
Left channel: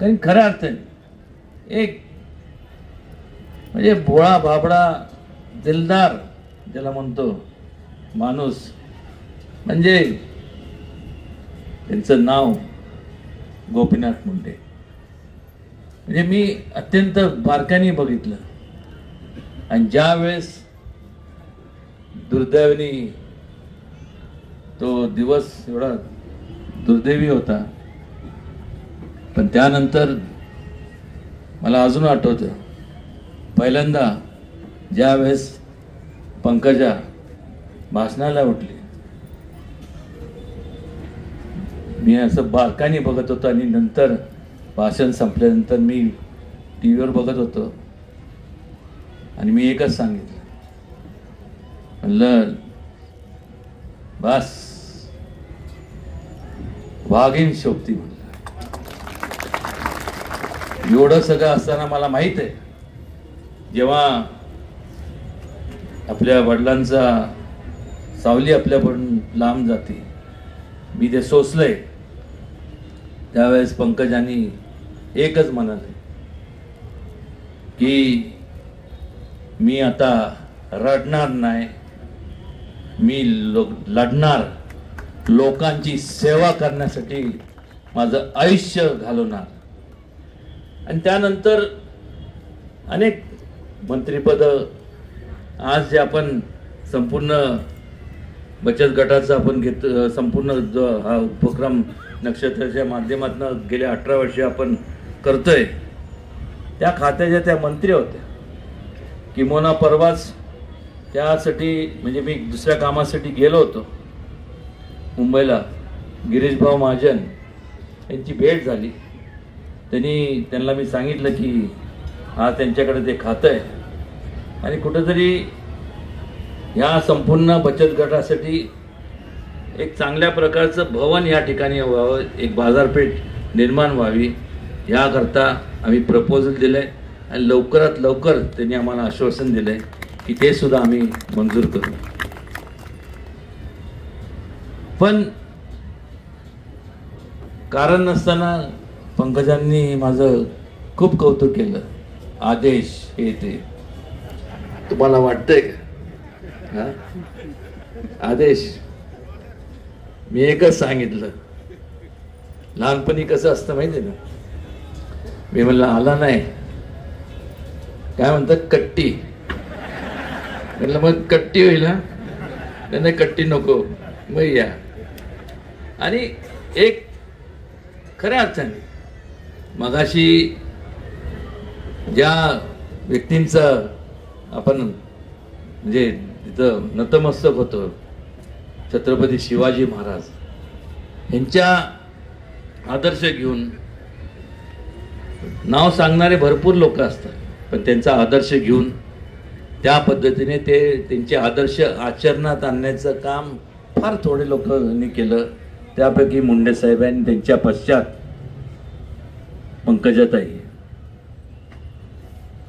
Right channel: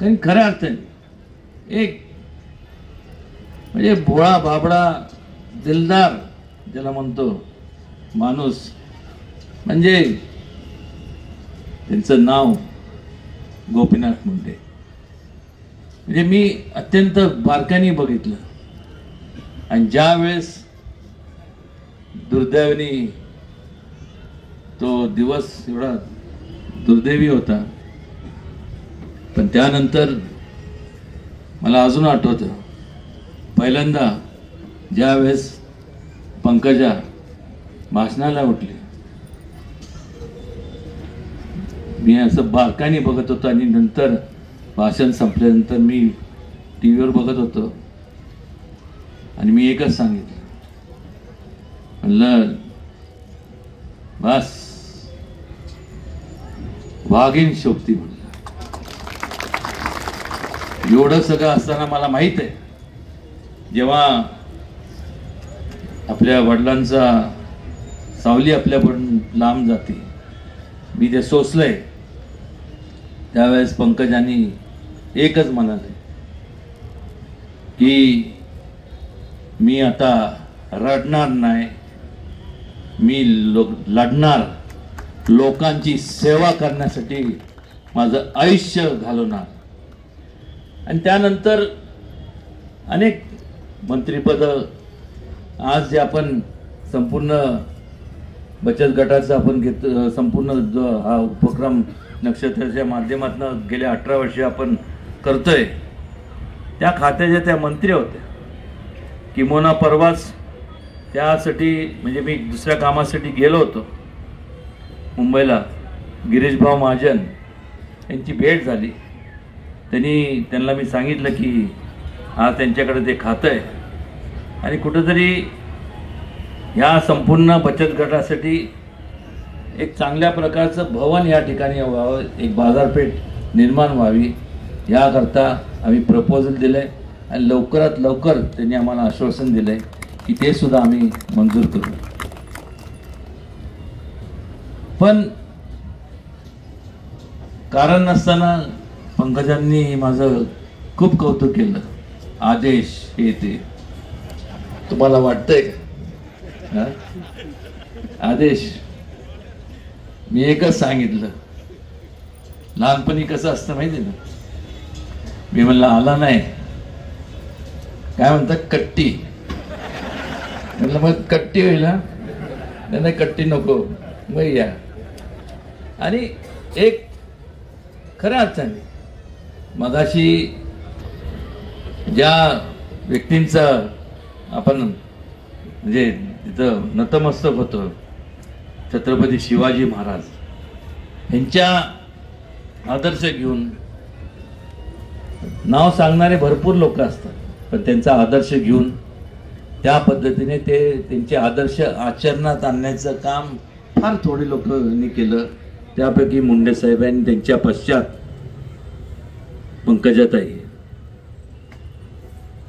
कारण खऱ्या अर्थाने एक म्हणजे भोळा भाबडा दिलदार ज्याला म्हणतो माणूस, म्हणजे त्यांचं नाव गोपीनाथ मुंडे. म्हणजे मी अत्यंत बारकाईने बघितलं आणि ज्या वेळेस दुर्दैवाने तो दिवस एवढा दुर्दैवी होता, पण त्यानंतर मला अजून आठवतं पहिल्यांदा ज्या वेळेस पंकजा भाषणाला उठली, मी असं बारकाईने बघत होतो आणि नंतर भाषण संपल्यानंतर मी टीव्हीवर बघत होतो आणि मी एकच सांगितलं, म्हणलं बस वाघीण शोभती. एवढं सगळं असताना मला माहित आहे जेव्हा आपल्या वडिलांचा सावली आपल्याकडून लांब जाते, मी जे सोसलंय त्यावेळेस पंकजांनी एकच म्हणाले की मी आता रडणार नाही, मी लढणार, लोकांची सेवा करण्यासाठी माझं आयुष्य घालवणार. आणि त्यानंतर अनेक मंत्रिपद, आज जे आपण संपूर्ण बचत गटाचा आपण घेत, संपूर्ण जो हा उपक्रम नक्षत्राच्या माध्यमातून गेल्या 18 वर्षे आपण करतोय, त्या खात्याच्या त्या मंत्री होत्या. किंवा परवाच त्यासाठी म्हणजे मी दुसऱ्या कामासाठी गेलो होतो मुंबईला, गिरीशभाऊ महाजन यांची भेट झाली त्यांना मी सांगितलं की आज त्यांच्याकडे ते खातं आहे आणि कुठंतरी ह्या संपूर्ण बचत गटासाठी एक चांगल्या प्रकारचं भवन या ठिकाणी व्हावं, एक बाजारपेठ निर्माण व्हावी याकरता आम्ही प्रपोजल दिलंय आणि लवकरात लवकर त्यांनी आम्हाला आश्वासन दिलंय की ते सुद्धा आम्ही मंजूर करू. पण कारण नसताना पंकजांनी माझं खूप कौतुक केलं. आदेश हे ते तुम्हाला वाटतंय का? आदेश मी एकच सांगितलं. लहानपणी कसं असतं माहिती ना, मी म्हणलं आला नाही, काय म्हणतात कट्टी, म्हणलं मग कट्टी होईल. त्यांना कट्टी नको, मग या. आणि एक खऱ्या अर्थाने मगाशी ज्या व्यक्तींचा आपण म्हणजे तिथं नतमस्तक होतं, छत्रपती शिवाजी महाराज यांच्या आदर्श घेऊन नाव सांगणारे भरपूर लोक असतात, पण त्यांचा आदर्श घेऊन त्या पद्धतीने ते त्यांचे आदर्श आचरणात आणण्याचं काम फार थोडे लोकांनी केलं. त्यापैकी मुंडे साहेबांनी त्यांच्या पश्चात पंकजाताई.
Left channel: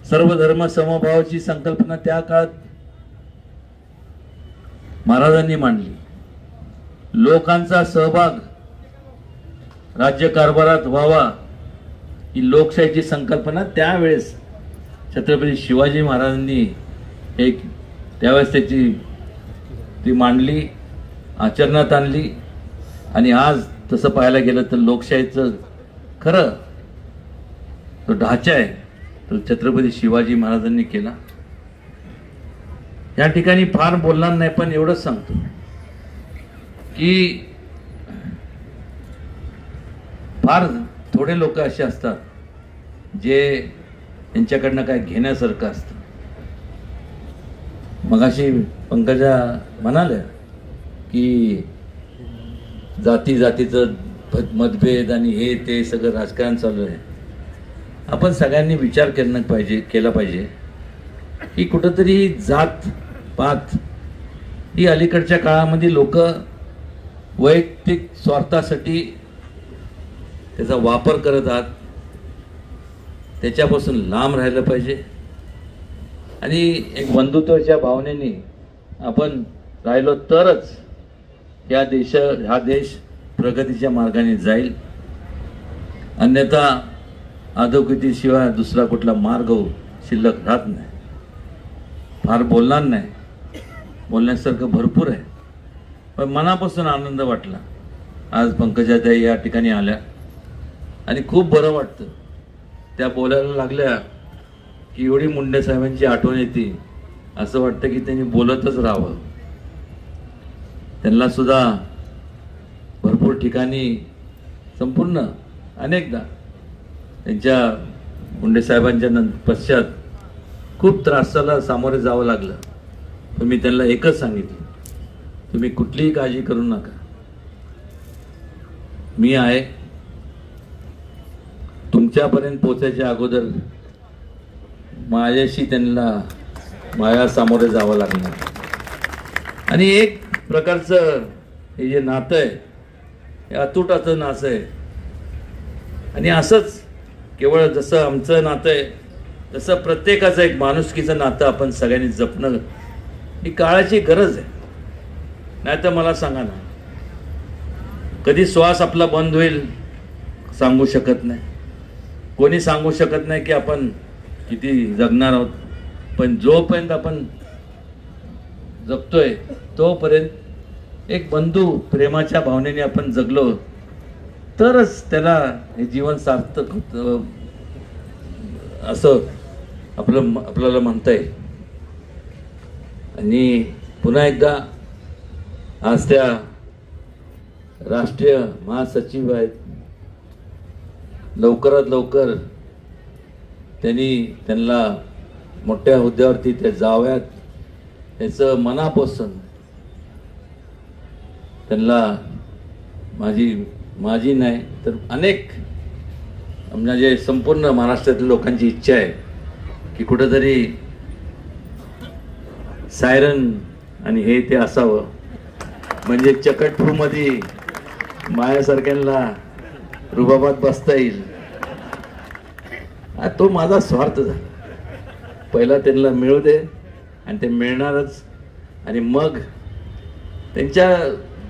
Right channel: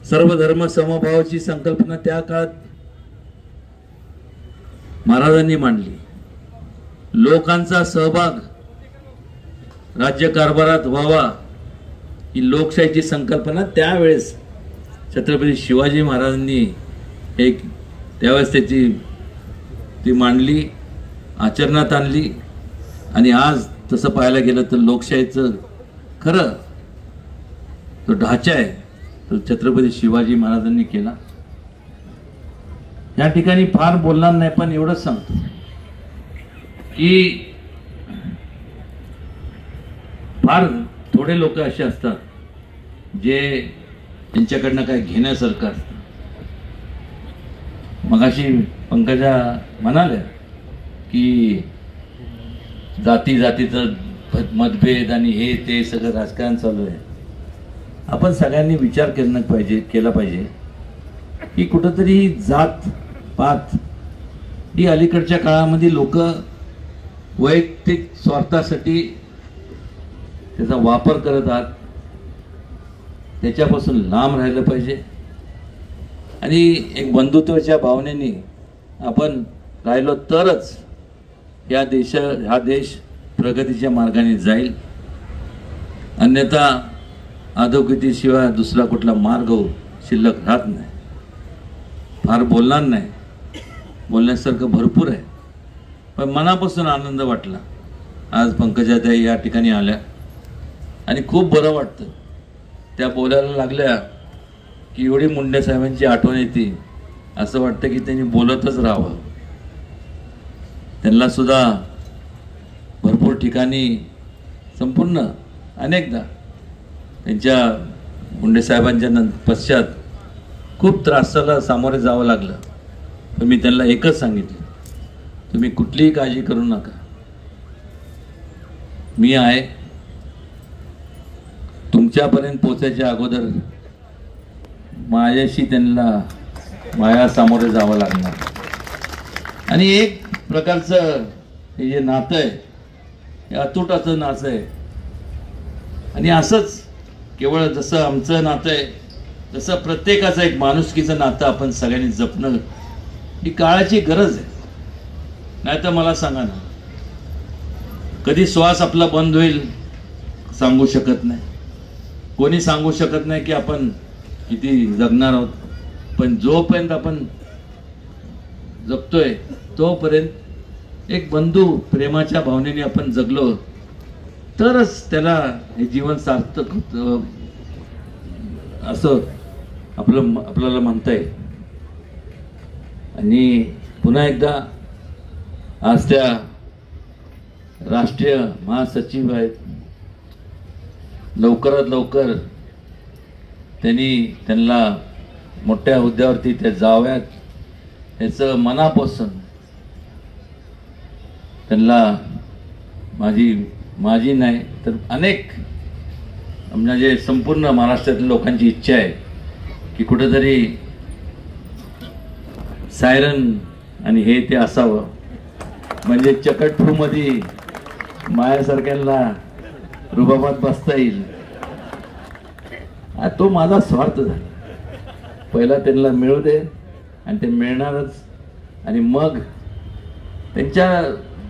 सर्व धर्म समभावाची संकल्पना त्या काळात महाराजांनी मांडली. लोकांचा सहभाग राज्यकारभारात व्हावा ही लोकशाहीची संकल्पना त्यावेळेस छत्रपती शिवाजी महाराजांनी त्यावेळेस ती मांडली, आचरणात आणली. आणि आज तसं पाहायला गेलं तर लोकशाहीचं खरं तो ढाचा आहे तो छत्रपती शिवाजी महाराजांनी केला. या ठिकाणी फार बोलणार नाही, पण एवढंच सांगतो की फार थोडे लोक असे असतात जे त्यांच्याकडनं काय घेण्यासारखं असतं. मगाशी पंकजा म्हणाले की जातीचं मतभेद आणि हे ते सगळं राजकारण चालू आहे. आपण सगळ्यांनी विचार केला पाहिजे की कुठंतरी जात पात ही अलीकडच्या काळामध्ये लोक वैयक्तिक स्वार्थासाठी त्याचा वापर करत आहात. त्याच्यापासून लांब राहिलं पाहिजे आणि एक बंधुत्वाच्या भावनेने आपण राहिलो तरच हा देश प्रगतीच्या मार्गाने जाईल. अन्यथा अधोगतीशिवाय दुसरा कुठला मार्ग शिल्लक राहत नाही. फार बोलणार नाही, बोलण्यासारखं भरपूर आहे, पण मनापासून आनंद वाटला आज पंकजाताई या ठिकाणी आल्या आणि खूप बरं वाटतं. त्या बोलायला लागल्या की एवढी मुंडे साहेबांची आठवण येते, असं वाटतं की त्यांनी बोलतच राहावं. त्यांना सुद्धा भरपूर ठिकाणी संपूर्ण अनेकदा त्यांच्या मुंडे साहेबांच्या पश्चात खूप त्रासाला सामोरे जावं लागलं. पण मी त्यांना एकच सांगितलं, तुम्ही कुठलीही काळजी करू नका, मी आहे. तुमच्यापर्यंत पोहोचायच्या अगोदर माझ्याशी माझ्या सामोरे जावं लागणार. आणि एक प्रकारचं हे जे नातं आहे हे अतुटाचं नातं आहे. आणि असंच केवळ जसं आमचं नातं आहे तसं प्रत्येकाचं एक माणुसकीचं नातं आपण सगळ्यांनी जपणं ही काळाची गरज आहे. नाही तर मला सांगा ना, कधी श्वास आपला बंद होईल सांगू शकत नाही. कोणी सांगू शकत नाही की आपण किती जगणार आहोत. पण जोपर्यंत आपण जगतोय तोपर्यंत एक बंधू प्रेमाच्या भावनेने आपण जगलो तरच त्याला हे जीवन सार्थक होतं असं आपल्याला म्हणता येईल. आणि पुन्हा एकदा आज त्या राष्ट्रीय महासचिव आहेत, लवकरात लवकर त्यांना मोठ्या हुद्द्यावरती ते जाव्यात याचं मनापासून त्यांना माझी नाही तर अनेक म्हणजे संपूर्ण महाराष्ट्रातील लोकांची इच्छा आहे की कुठेतरी सायरन आणि हे ते असावं, म्हणजे चकटफू मध्ये मायासारख्यांना रुबाबात बसता येईल. तो माझा स्वार्थ झाला. पहिला त्यांना मिळू दे आणि ते मिळणारच, आणि मग त्यांच्या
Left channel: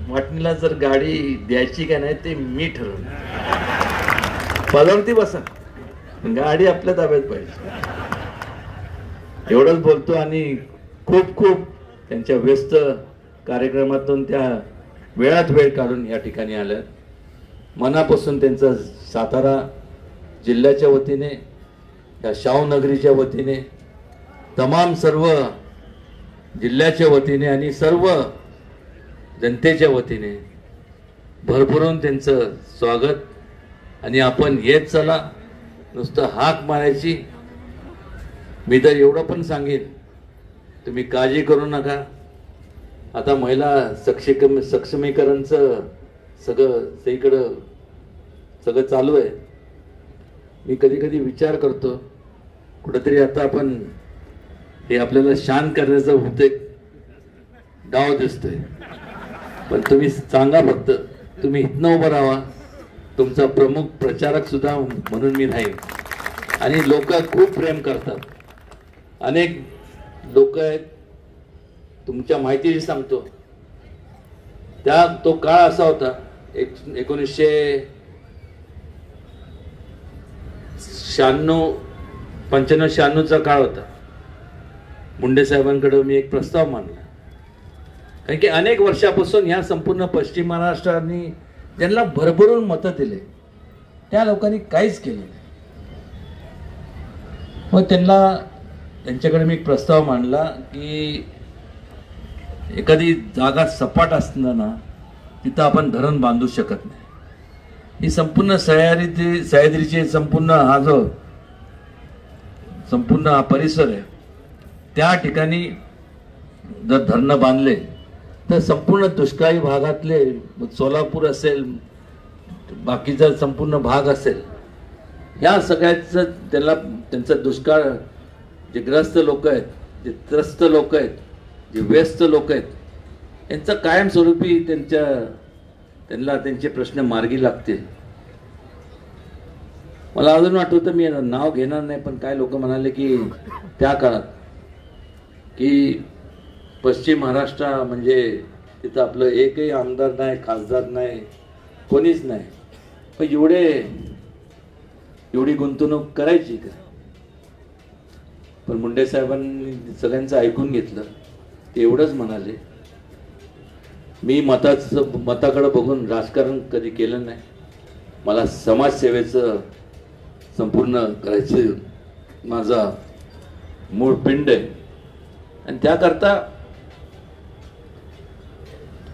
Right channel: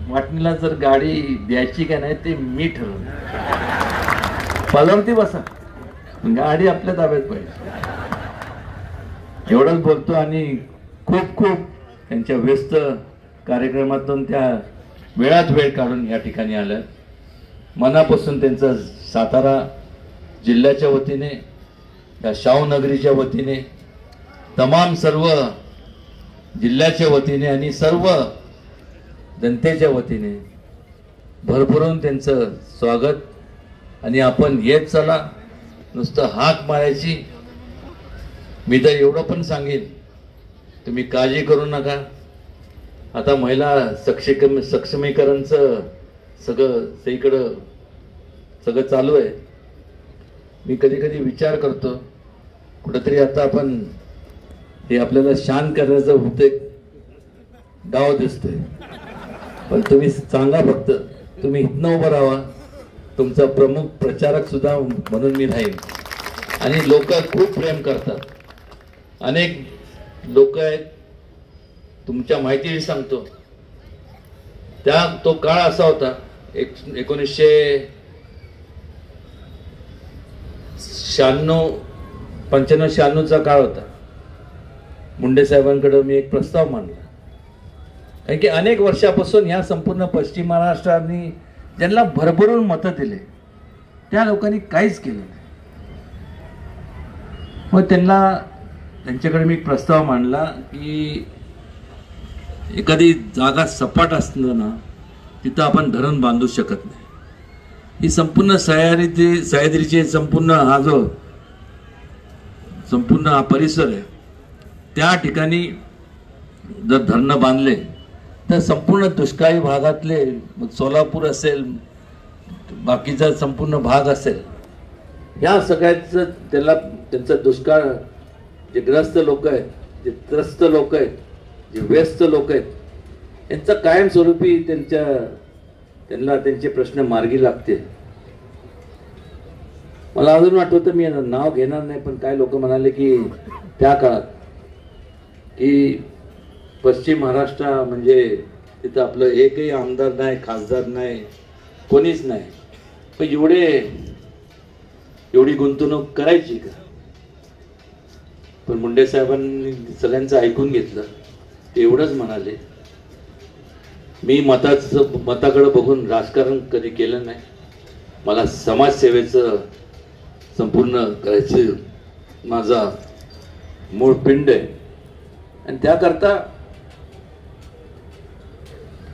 वाटणीला जर गाडी द्यायची का नाही ते मी ठरवणार. पदावरती बसा, गाडी आपल्या ताब्यात पाहिजे. एवढंच बोलतो आणि खूप खूप त्यांच्या व्यस्त कार्यक्रमातून त्या वेळात वेळ काढून या ठिकाणी आलं. मनापासून त्यांचा सातारा जिल्ह्याच्या वतीने, त्या शाहूनगरीच्या वतीने, तमाम सर्व जिल्ह्याच्या वतीने आणि सर्व जनतेच्या वतीने भरभरून त्यांचं स्वागत. आणि आपण येत चला, नुसतं हाक मारायची. मी तर एवढं पण सांगेन, तुम्ही काळजी करू नका. आता महिला सक्षमीकरणचं सगळं चालू आहे. मी कधी कधी विचार करतो, कुठेतरी आता आपण हे आपल्याला शांत करण्याचा होते डाव दिसतोय. पण तुम्ही सांगा, फक्त तुम्ही इथनं उभं राहा. तुमचा प्रमुख प्रचारक सुद्धा म्हणून मी राहीन. आणि लोक खूप प्रेम करतात. अनेक लोक आहेत, तुमच्या माहितीशी सांगतो, तो काळ असा होता 1995-96चा काळ होता. मुंडे साहेबांकडे मी एक प्रस्ताव मांडला, कारण की अनेक वर्षापासून या संपूर्ण पश्चिम महाराष्ट्राने ज्यांना भरभरून मतं दिले त्या लोकांनी काहीच केलं नाही. मग त्यांच्याकडे मी एक प्रस्ताव मांडला की एखादी जागा सपाट असताना तिथं आपण धरण बांधू शकत नाही. ही संपूर्ण सह्याद्रीचे संपूर्ण हा परिसर आहे, त्या ठिकाणी जर धरणं बांधले तर संपूर्ण दुष्काळी भागातले, सोलापूर असेल, बाकीचा संपूर्ण भाग असेल, या सगळ्याचं त्यांचा दुष्काळ, जे ग्रस्त लोक आहेत, जे त्रस्त लोक आहेत, जे व्यस्त लोक आहेत, यांचा कायमस्वरूपी त्यांना त्यांचे प्रश्न मार्गी लागतील. मला अजून आठवतं, मी नाव घेणार नाही, पण काय लोक म्हणाले की त्या काळात की पश्चिम महाराष्ट्र म्हणजे तिथं आपलं एकही आमदार नाही, खासदार नाही, कोणीच नाही, पण एवढी गुंतवणूक करायची का? पण मुंडे साहेबांनी सगळ्यांचं ऐकून घेतलं. ते एवढंच म्हणाले, मी मताकडे बघून राजकारण कधी केलं नाही, मला समाजसेवेचं संपूर्ण करायचं माझा मूळ पिंड आहे. आणि त्याकरता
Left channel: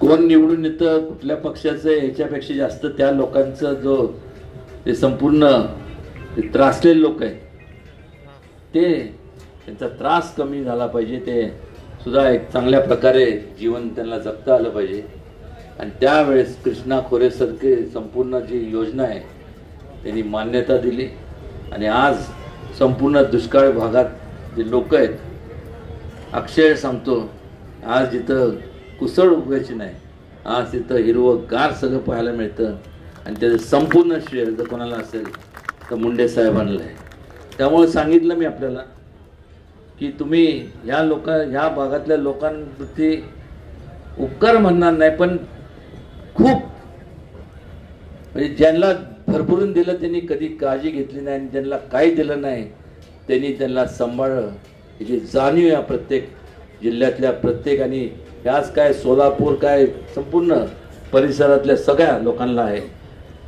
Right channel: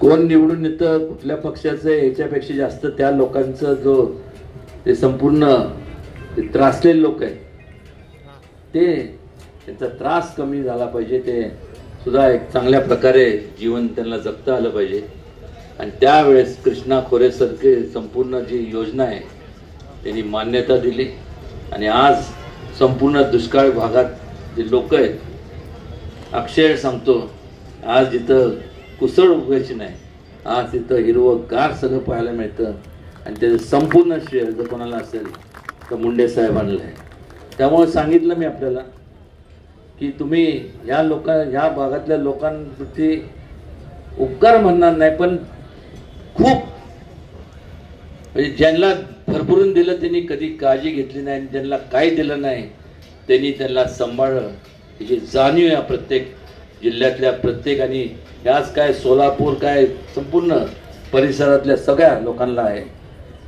कोण निवडून येतं, कुठल्या पक्षाचं, याच्यापेक्षा जास्त त्या लोकांचं ते संपूर्ण त्रासलेले लोक आहेत, त्यांचा त्रास कमी झाला पाहिजे. ते सुद्धा एक चांगल्या प्रकारे जीवन त्यांना जगता आलं पाहिजे. आणि त्यावेळेस कृष्णा खोरेसारखे संपूर्ण जी योजना आहे त्यांनी मान्यता दिली. आणि आज संपूर्ण दुष्काळ भागात जे लोक आहेत, अक्षय सांगतो, आज जिथं कुसळ उगवायची नाही, आज तिथं हिरवंगार सगळं पाहायला मिळतं. आणि त्याचं संपूर्ण श्रेय जर कोणाला असेल तर मुंडे साहेबांना आहे. त्यामुळे सांगितलं मी आपल्याला की तुम्ही ह्या भागातल्या लोकांप्रती उपकार म्हणणार नाही, पण खूप म्हणजे ज्यांना भरभरून दिलं त्यांनी कधी काळजी घेतली नाही, आणि ज्यांना काही दिलं नाही त्यांना सांभाळलं. ही जाणीव या प्रत्येक जिल्ह्यातल्या प्रत्येक, आणि याच काय सोलापूर काय संपूर्ण परिसरातल्या सगळ्या लोकांना आहे.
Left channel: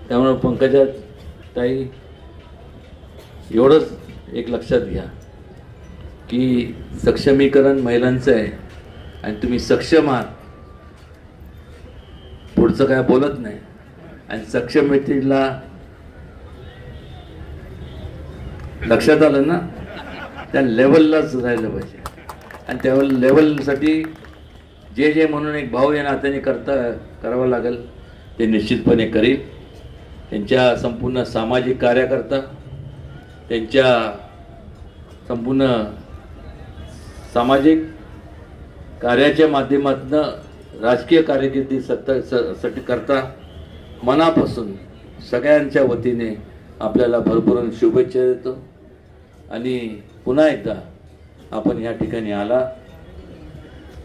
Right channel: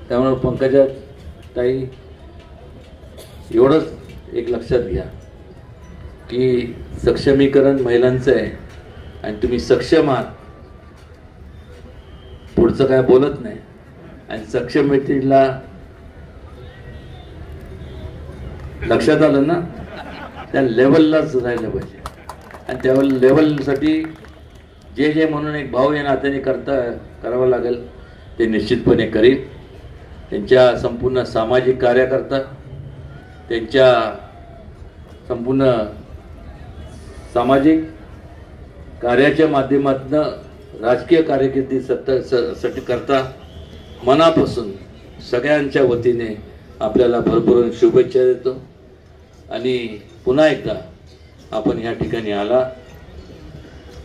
त्यामुळे पंकजा ताई, एवढंच एक लक्षात घ्या की सक्षमीकरण महिलांचं आहे आणि तुम्ही सक्षम आहात, पुढचं काय बोलत नाही. आणि सक्षमतेला लक्षात आलं ना, त्या लेवललाच राहिलं पाहिजे. आणि त्या लेवलसाठी जे म्हणून एक भाऊ या नात्याने करावं लागेल ते निश्चितपणे करील. त्यांच्या संपूर्ण सामाजिक कार्यकर्ता, त्यांच्या संपूर्ण सामाजिक कार्याच्या माध्यमातून राजकीय कारकिर्दी करता मनापासून सगळ्यांच्या वतीने आपल्याला भरभरून शुभेच्छा देतो. आणि पुन्हा एकदा आपण या ठिकाणी आला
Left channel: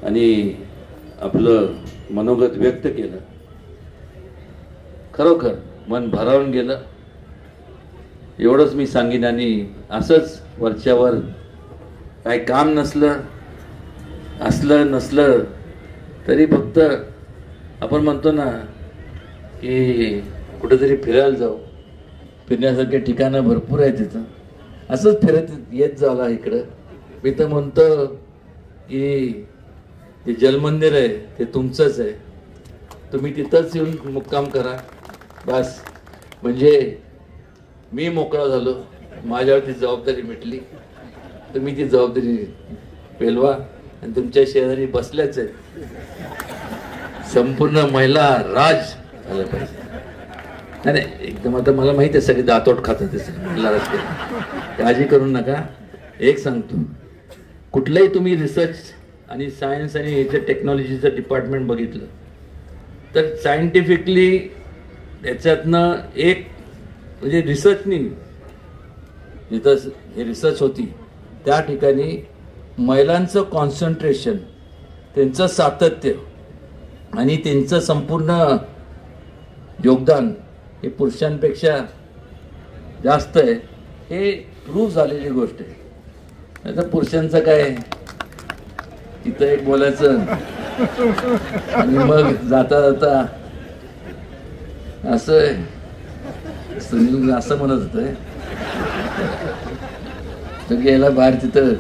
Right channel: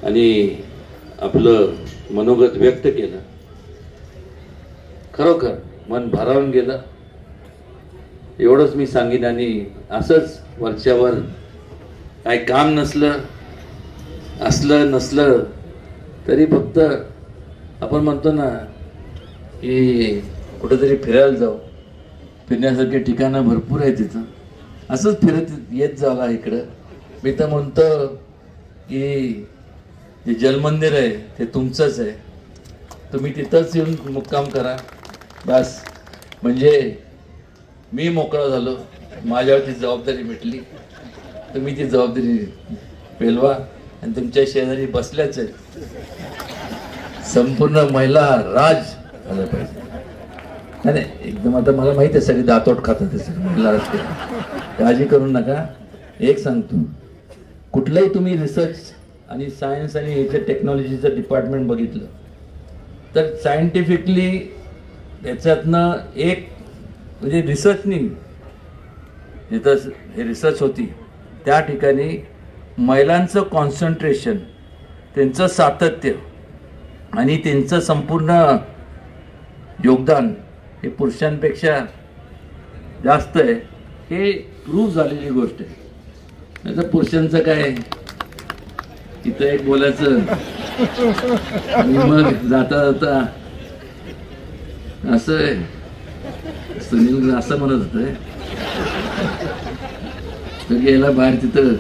आणि आपलं मनोगत व्यक्त केलं, खरोखर मन भारावून गेलं. एवढंच मी सांगेन. आणि असंच वरच्यावर काय काम नसलं तरी फक्त आपण म्हणतो ना की कुठेतरी फिरायला जाऊ, फिरण्यासारखे ठिकाणं भरपूर आहे तिथं, असंच फिरत येत जावं इकडं. मी तर म्हणतो की जे जलमंदिर आहे ते तुमचंच आहे, तुम्ही तिथंच येऊन मुक्काम करा बस. म्हणजे मी मोकळा झालो, माझ्यावरती जबाबदारी मिटली. तुम्ही ती जबाबदारी पेलवा. आणि तुमच्या शेजारी बसल्याच आहे संपूर्ण महिला राज झालं पाहिजे. नाही एकदम आता मला माहिती आहे सगळे दातोट खातात महिला राजकीय, काळजी करू नका. एक सांगतो, कुठलंही तुम्ही रिसर्च आणि सायन्स आणि याच्या टेक्नॉलॉजीचं डिपार्टमेंट बघितलं तर सायंटिफिकली त्याच्यातनं एक म्हणजे रिसर्चनी जिथं हे रिसर्च होती त्या ठिकाणी महिलांचं कॉन्सन्ट्रेशन, त्यांचं सातत्य आणि त्यांचं संपूर्ण योगदान हे पुरुषांपेक्षा जास्त आहे. हे प्रूव्ह झालेली गोष्ट आहे. आता पुरुषांचं काय तिथं एक बोलायचं आणि मग जाता जाता असं सुनील असं म्हणत होतं गेला बाहेर तिथं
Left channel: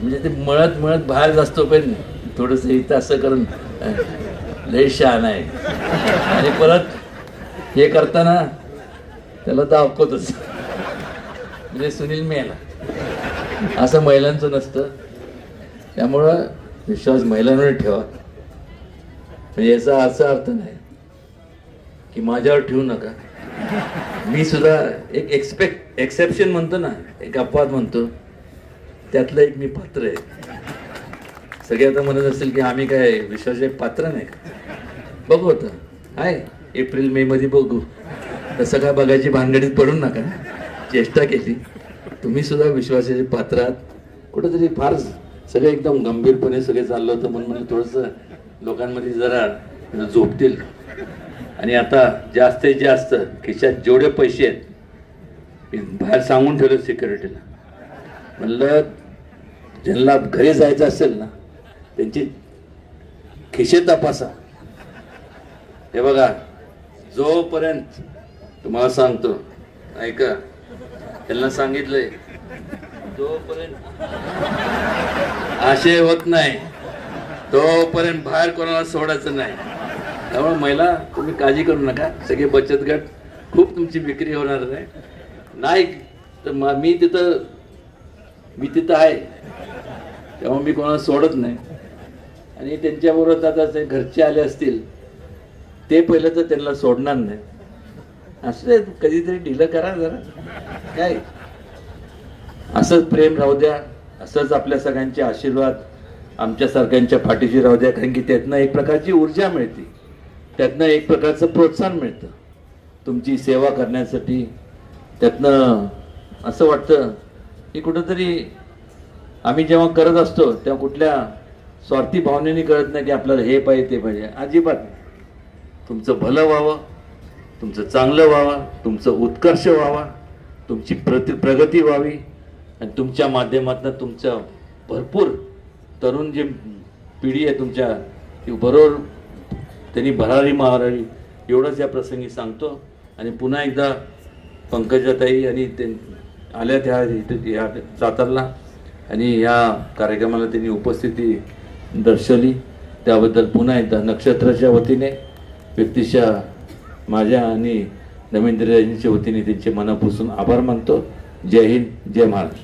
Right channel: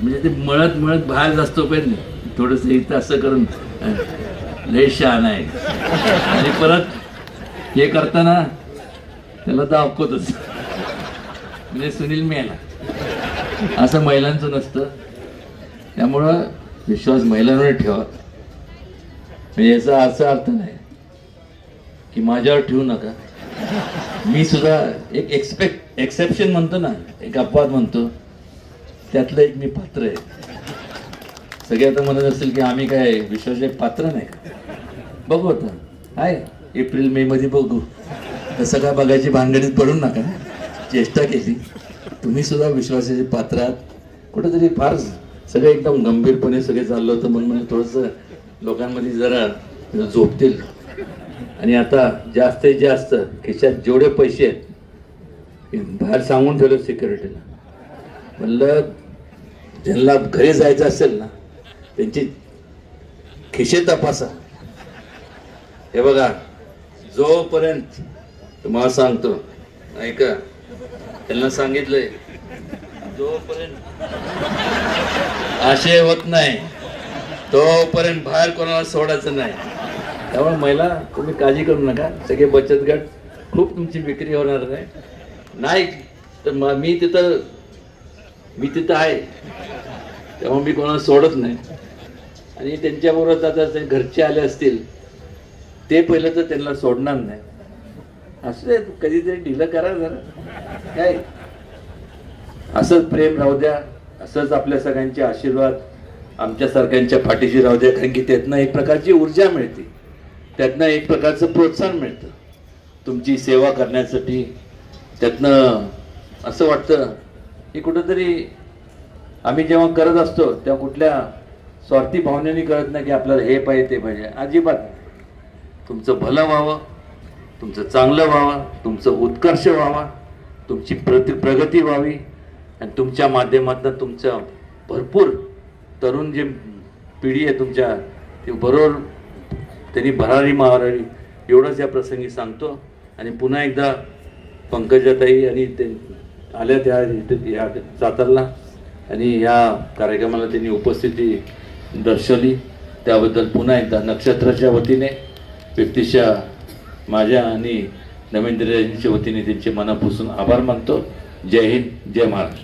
म्हणजे ते मळत बाहेर जास्त पण थोडस इथं असं करून लय शहाण आहे. आणि परत हे करताना त्याला दाखवतच म्हणजे सुनील मेला. असं महिलांचं नसतं. त्यामुळं विश्वास महिलांवर ठेवा. म्हणजे याचा असा अर्थ नाही की माझ्यावर ठेवू नका. मी सुद्धा एक एक्सेप्शन म्हणतो ना, एक अपवाद म्हणतो, त्यातलं एक मी पात्र आहे. सगळे आता म्हणत असेल की आम्ही काय विश्वासाचे पात्र नाही. बघू आता आहे एप्रिल मे मध्ये बघू. तसं काय बघायची भानगडीत पडू नका. चेष्टा केली. तुम्ही सुद्धा विश्वासाचे पात्र आहात. कुठेतरी फार सगळं एकदम गंभीरपणे सगळे चाललं होतं म्हणून मला थोडंसं लोकांमध्ये जरा झोपतील. आणि आता जास्तीत जास्त खिशात जेवढे पैसे आहेत बाहेर सांगून ठेवले सिक्युरिटीला, म्हणलं ज्यांना घरी जायचं असेल ना त्यांची खिशे तपासा. हे बघा, जोपर्यंत तुम्हाला सांगतो ऐका, त्यांना सांगितलंय जोपर्यंत आशय होत नाही तोपर्यंत बाहेर कोणाला सोडायचं नाही. त्यामुळे महिला तुम्ही काळजी करू नका. सगळे बचत गट खूप तुमची विक्री होणार आहे. नाही तर मी तिथं आहे तेव्हा मी कोणाला सोडत नाही. आणि त्यांच्याबरोबर आता ते घरचे आले असतील ते पहिलं तर त्यांना सोडणार नाही. असं कधीतरी ढिलं करा जरा. काय असंच प्रेम राहू द्या. असंच आपल्या सगळ्यांचे आशीर्वाद आमच्या सारख्यांच्या पाठीशी राहू द्या. कारण की त्यातनं एक प्रकारची ऊर्जा मिळते, त्यातनं एक प्रकारचं प्रोत्साहन मिळतं तुमची सेवा करण्यासाठी. त्यातनं असं वाटतं की कुठंतरी आम्ही जेव्हा करत असतो तेव्हा कुठल्या स्वार्थी भावनेने करत नाही की आपल्याला हे पाहिजे ते पाहिजे. अजिबात तुमचं भलं व्हावं, तुमचं चांगलं व्हावं, तुमचं उत्कर्ष व्हावा, तुमची प्रगती व्हावी. आणि तुमच्या माध्यमातून तुमचं भरपूर तरुण जी पिढी आहे तुमच्या ती बरोबर त्यांनी भरारी मारावी एवढंच या प्रसंगी सांगतो. आणि पुन्हा एकदा पंकजाताई आणि ते आल्या त्या या सातारला आणि या कार्यक्रमाला त्यांनी उपस्थिती दर्शवली त्याबद्दल पुन्हा एकदा नक्षत्राच्या वतीने व्यक्तिशः माझ्या आणि नवेंद्रजींच्या वतीने त्यांचे मनापासून आभार मानतो. जय हिंद, जय महाराष्ट्र.